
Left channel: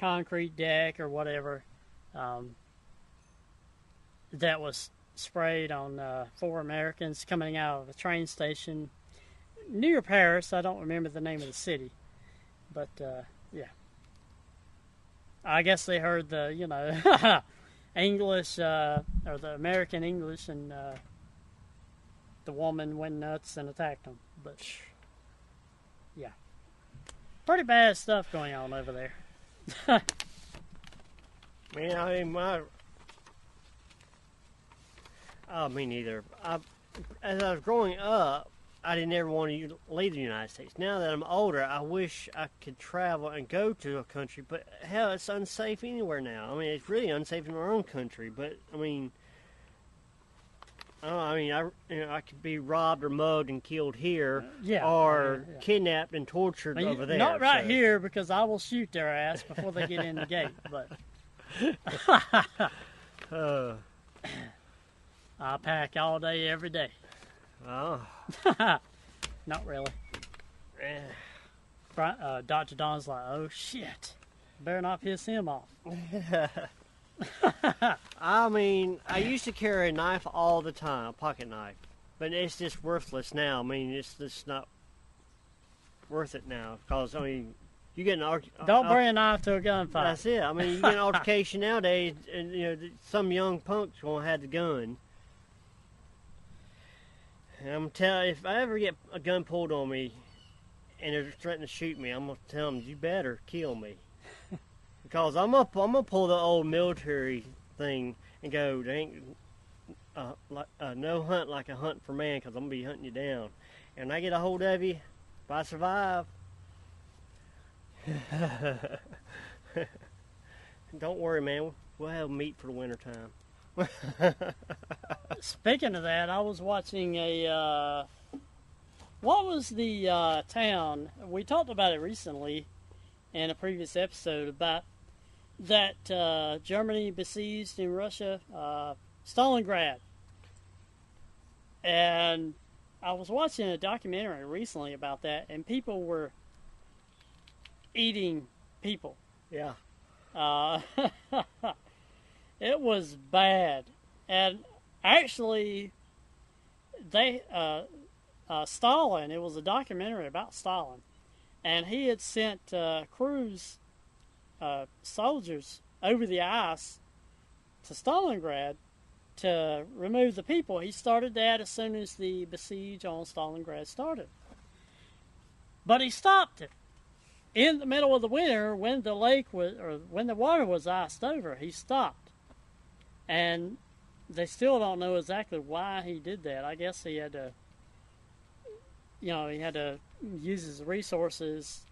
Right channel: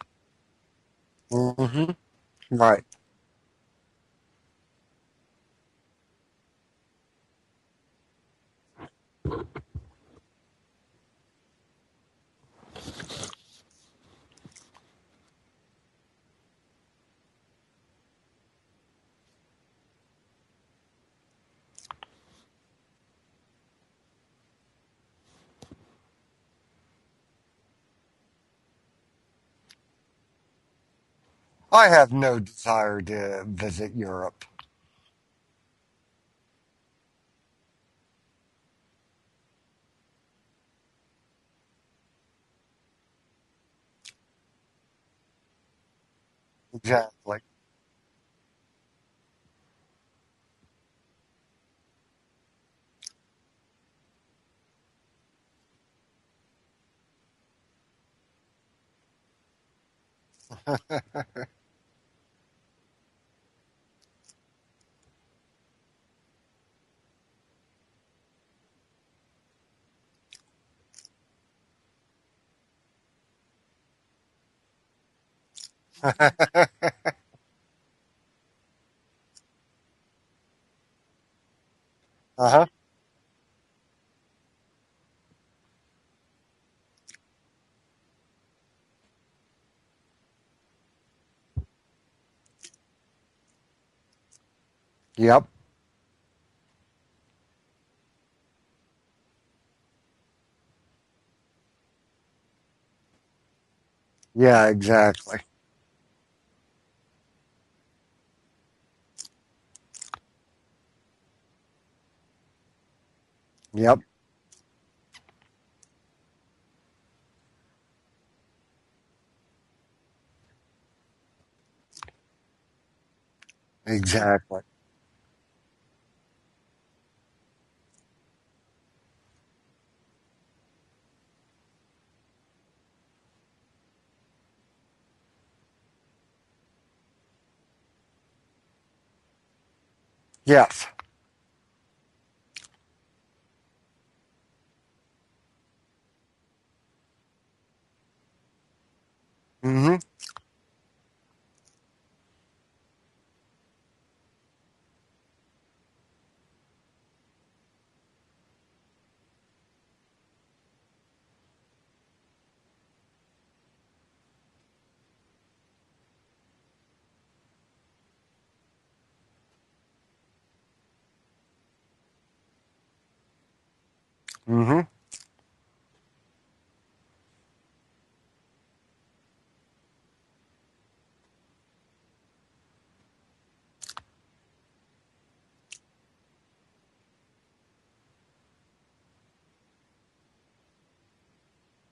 concrete deck or whatever. Right. That was sprayed on 4 Americans coming out of a train station near Paris. I don't remember the name of the city, but yeah. I guess they heard the English or the American English, and the woman went nuts and attacked them. But yeah, pretty bad stuff going on over there. I have no desire to visit Europe. Oh, me neither. As I was growing up, I didn't ever want to leave the United States. Now that I'm older, I wish I could travel and go to a country, but hell, it's unsafe anywhere now. I mean, it's really unsafe in our own country, but I mean, I could be robbed or mugged and killed here, or kidnapped and tortured over there. Not here, because I will shoot their ass before they get in the gate. But I pack all day, every day. Oh. Not really. Dr. Don's like, oh shit, better not piss him off. I mean, I used to carry a knife all the time, a pocket knife, but it's just worthless now. I mean, it's just not worth it now, because, I mean, you get an don't bring a knife to a gunfight. That's it. I mean, you get an altercation nowadays, and some young punk's gonna have the gun. Yep. And I'm telling you, if I ever get a gun pulled on me and they're threatening to shoot me, I'm gonna tell them, you better kill me. Yeah, exactly. Because I'm gonna pull the old military thing and go, there ain't no hunt like a hunt for man, because I'm gonna be hunting you down. Yep. And I get a hold of you, if I survive, don't worry, man. We'll have meat for the winter time. Exactly. Speaking of that, I was watching what was the town? We talked about it recently in a previous episode about that Germany besieged in Russia, Stalingrad. Yes. And I was watching a documentary recently about that, and people were eating people. Yeah. It was bad. And actually, they Stalin, it was a documentary about Stalin, and he had sent crews, soldiers over the ice to Stalingrad to remove the people. He started that as soon as the besiege on Stalingrad started. But he stopped it in the middle of the winter when the lake was, or when the water was iced over. He stopped, and they still don't know exactly why he did that. I guess he had to, he had to use his resources,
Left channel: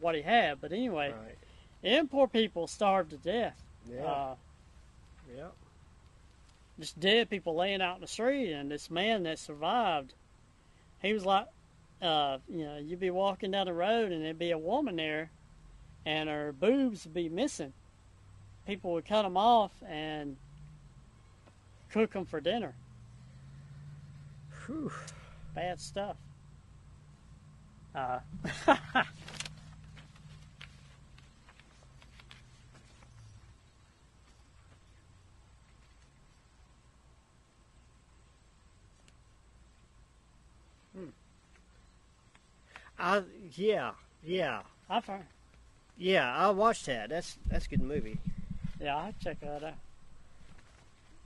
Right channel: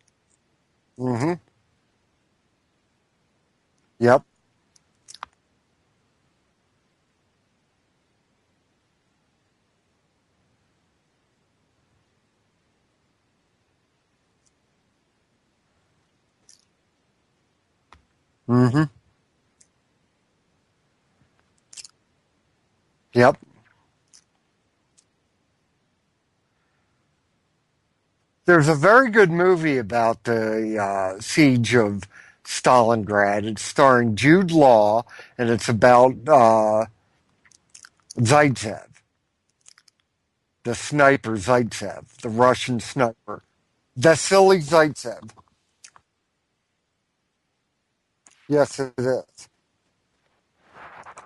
what he had. But anyway, them poor people starved to death. Yep. Just dead people laying out in the street, and this man that survived, he was like, you'd be walking down the road and there'd be a woman there and her boobs would be missing. Mm-hmm. People would cut them off and cook them for dinner. Yep. Whew, bad stuff. There's a very good movie about the siege of Stalingrad. It's starring Jude Law, and it's about Zaitsev, the sniper Zaitsev, the Russian sniper. Yeah. Vasily Zaitsev. Yeah, I watched that. That's a good movie. Yes, it I'll is. check that out.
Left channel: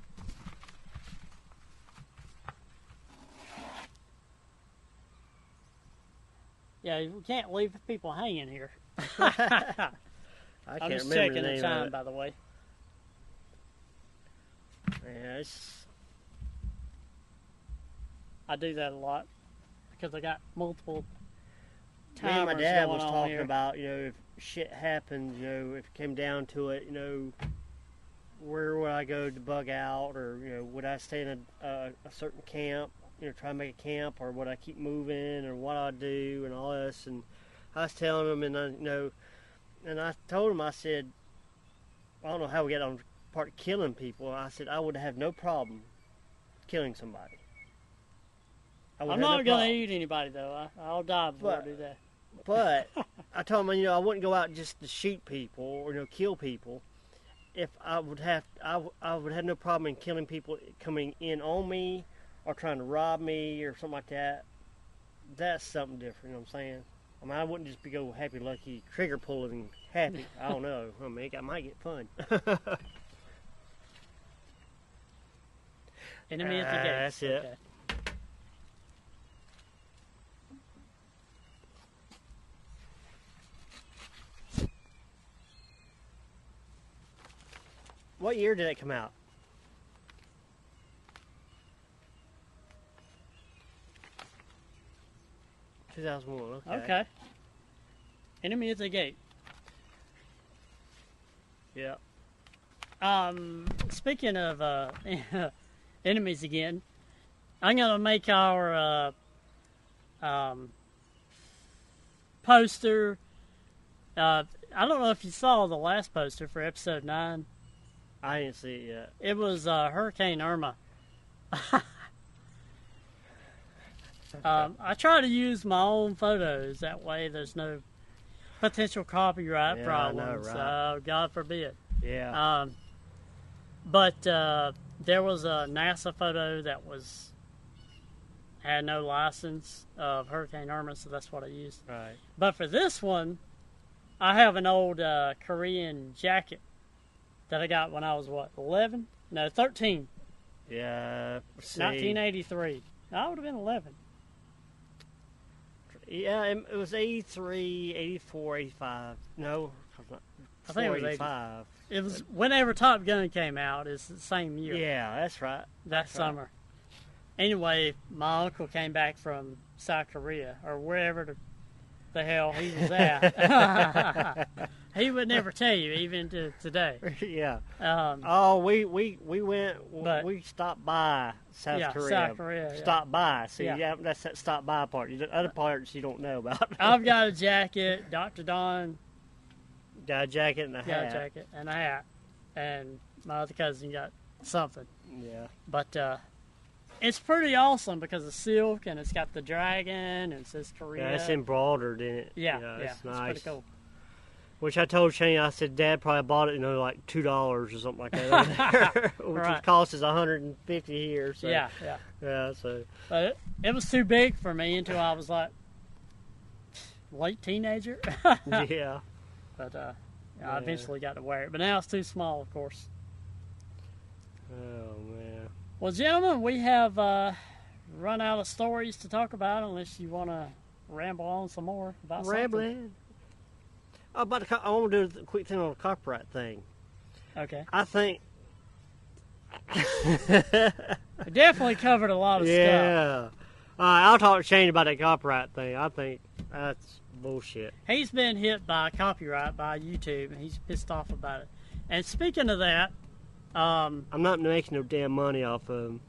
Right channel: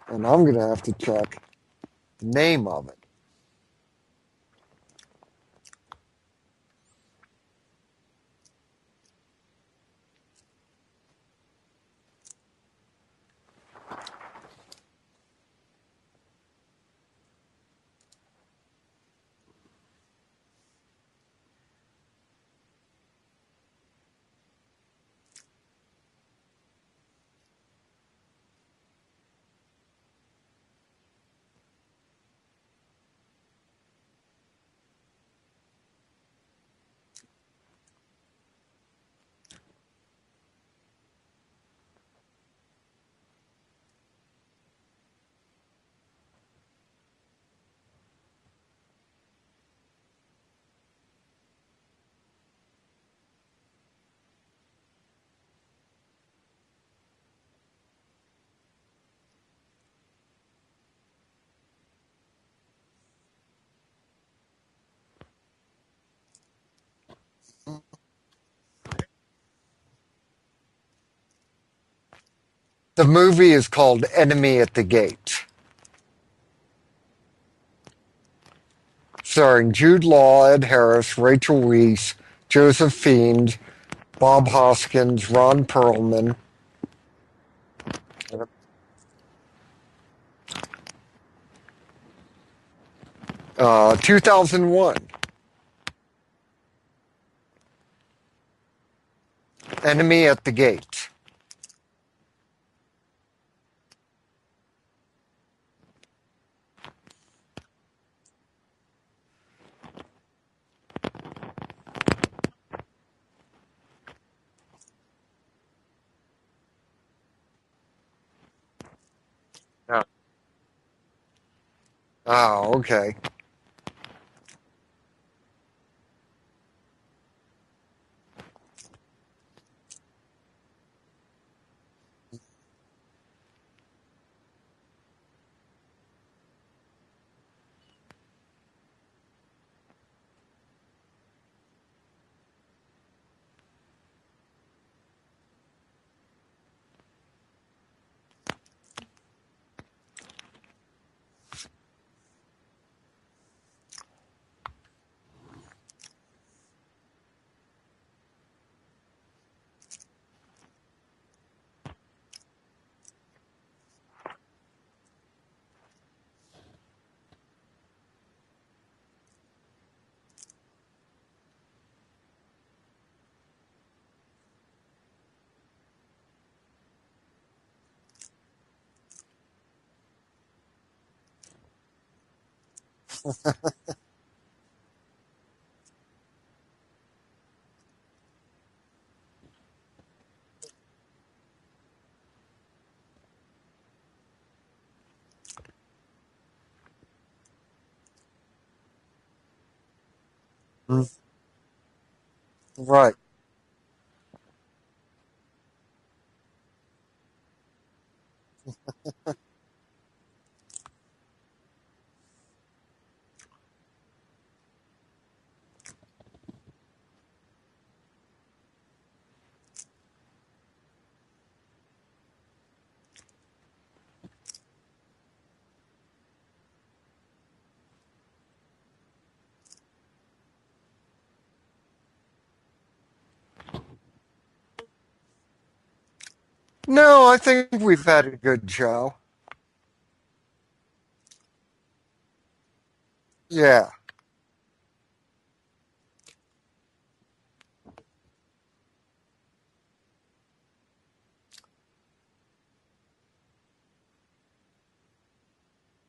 And I'm going to have to check the name of it. Yeah, we can't leave people hanging here. I I'm can't just remember checking the the name of time, it. by the way. Yeah, I do that a lot because I got multiple me and my timers dad going was on talking here. about, if shit happens, if it came down to it, where would I go to bug out, or would I stay in a certain camp, try to make a camp, or would I keep moving, or what I'd do, and all this. And I was telling him, and and I told him, I said, I don't know how we got on the part of killing people. I said I would have no problem killing somebody. I'm not going to eat anybody, though. I'll die before I do that. But I told him, I wouldn't go out just to shoot people or kill people. If I would have no problem in killing people coming in on me or trying to rob me or something like that. That's something different. You know what I'm saying? I wouldn't just be go happy-lucky, trigger pulling happy. I don't know. I might get fun. The movie is called Enemy at the Gate, Enemy at the gate. That's it. Okay. starring Jude Law, Ed Harris, Rachel Weisz, Joseph Fiend, Bob Hoskins, Ron Perlman. What year did it come out? 2001. 2001. Okay. Enemy at the gate. Enemy at the Gate. Yeah. Speaking of enemies again, I'm gonna make our poster. I don't know if you saw the last poster for episode 9. I didn't see it yet. It was Hurricane Irma. Oh, okay. I try to use my own photos. That way there's no potential copyright problems. I know, right? God forbid. Yeah. But there was a NASA photo that had no license of Hurricane Irma, so that's what I used. Right. But for this one, I have an old Korean jacket that I got when I was, 11? No, 13. Yeah. 1983. I would have been 11. Yeah, it was 83, 84, 85. No, I think it was 85. It was whenever Top Gun came out. It's the same year. Yeah, that's right. That summer. Anyway, my uncle came back from South Korea or wherever the hell he was at. He would never tell you, even to today. Yeah. We went. But- We stopped by South Korea. South Korea. Yeah. Stopped by. See, that's that stop by part. The other parts you don't know about. I've got a jacket. Dr. Don Got a jacket and a got hat. a jacket and a hat, and my other cousin got something. Yeah. But it's pretty awesome because it's silk and it's got the dragon and it says Korea. Yeah, it's embroidered in it. Yeah, it's Right. It's Nice. pretty cool. Which I told Shane, I said, Dad probably bought it, like $2 or something like that over there, which Right. cost us $150 here. So. Yeah. Yeah. So. But it was too big for me until I was like late teenager. Yeah. But I eventually got to wear it. But now it's too small, of course. Oh man. Well, gentlemen, we have run out of stories to talk about unless you want to ramble on some more about something. Rambling. I want to do a quick thing on the copyright thing. No, I think I we've think- had a good show. We definitely covered a lot of stuff. Yeah. Yeah. I'll talk to Shane about that copyright thing. I think that's bullshit. He's been hit by copyright by YouTube, and he's pissed off about it. And speaking of that, I'm not making no damn money off of them.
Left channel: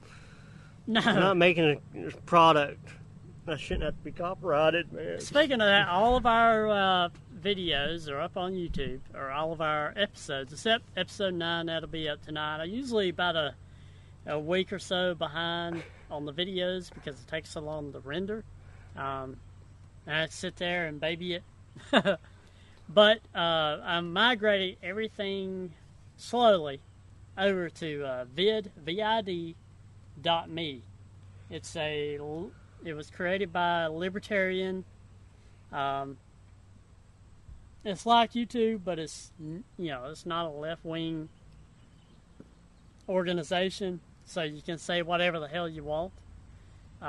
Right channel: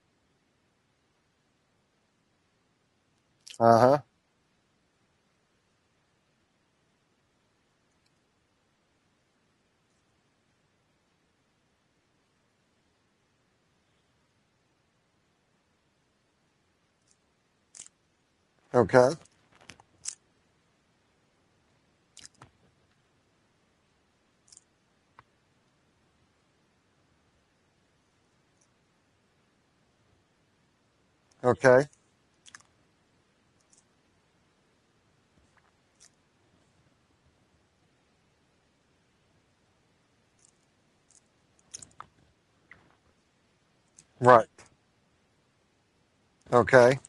I'm no. not making a product that should have to be copyrighted, man. Speaking of that, all of our videos are up on YouTube, or all of our episodes, except episode 9, that'll be up tonight. I'm usually about a week or so behind on the videos because it takes so long to render. Okay. I sit there and baby it. But I'm migrating everything slowly over to vid.me. Okay. It was created by a libertarian. It's like YouTube, but it's it's not a left-wing organization. Right. So you can say whatever the hell you want. Okay.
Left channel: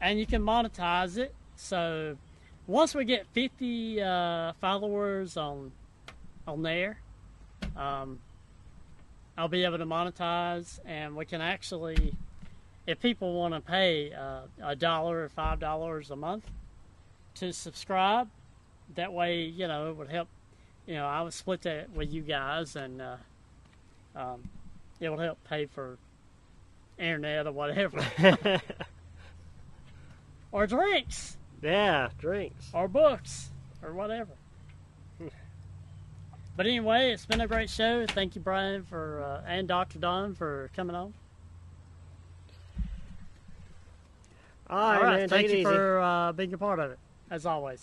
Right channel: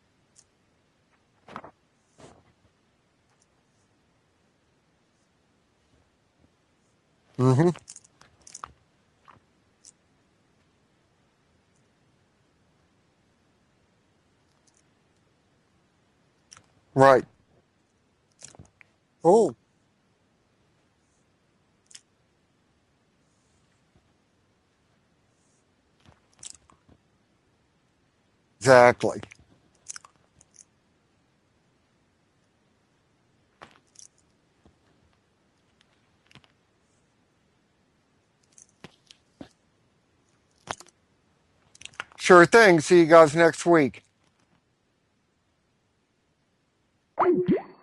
And you can monetize it. So once we get 50 followers on there, I'll be able to monetize, and we can actually, if people want to pay $1 or $5 a month, right, to subscribe, that way, it would help. I would split that with you guys, and it will help pay for internet or whatever. Exactly. Or drinks. Yeah, drinks. Or books. Or whatever. But anyway, it's been a great show. Thank you, Brian, and Dr. Don for coming on. Sure thing. See you guys next week. All right, man, thank you for being a part of it, as always.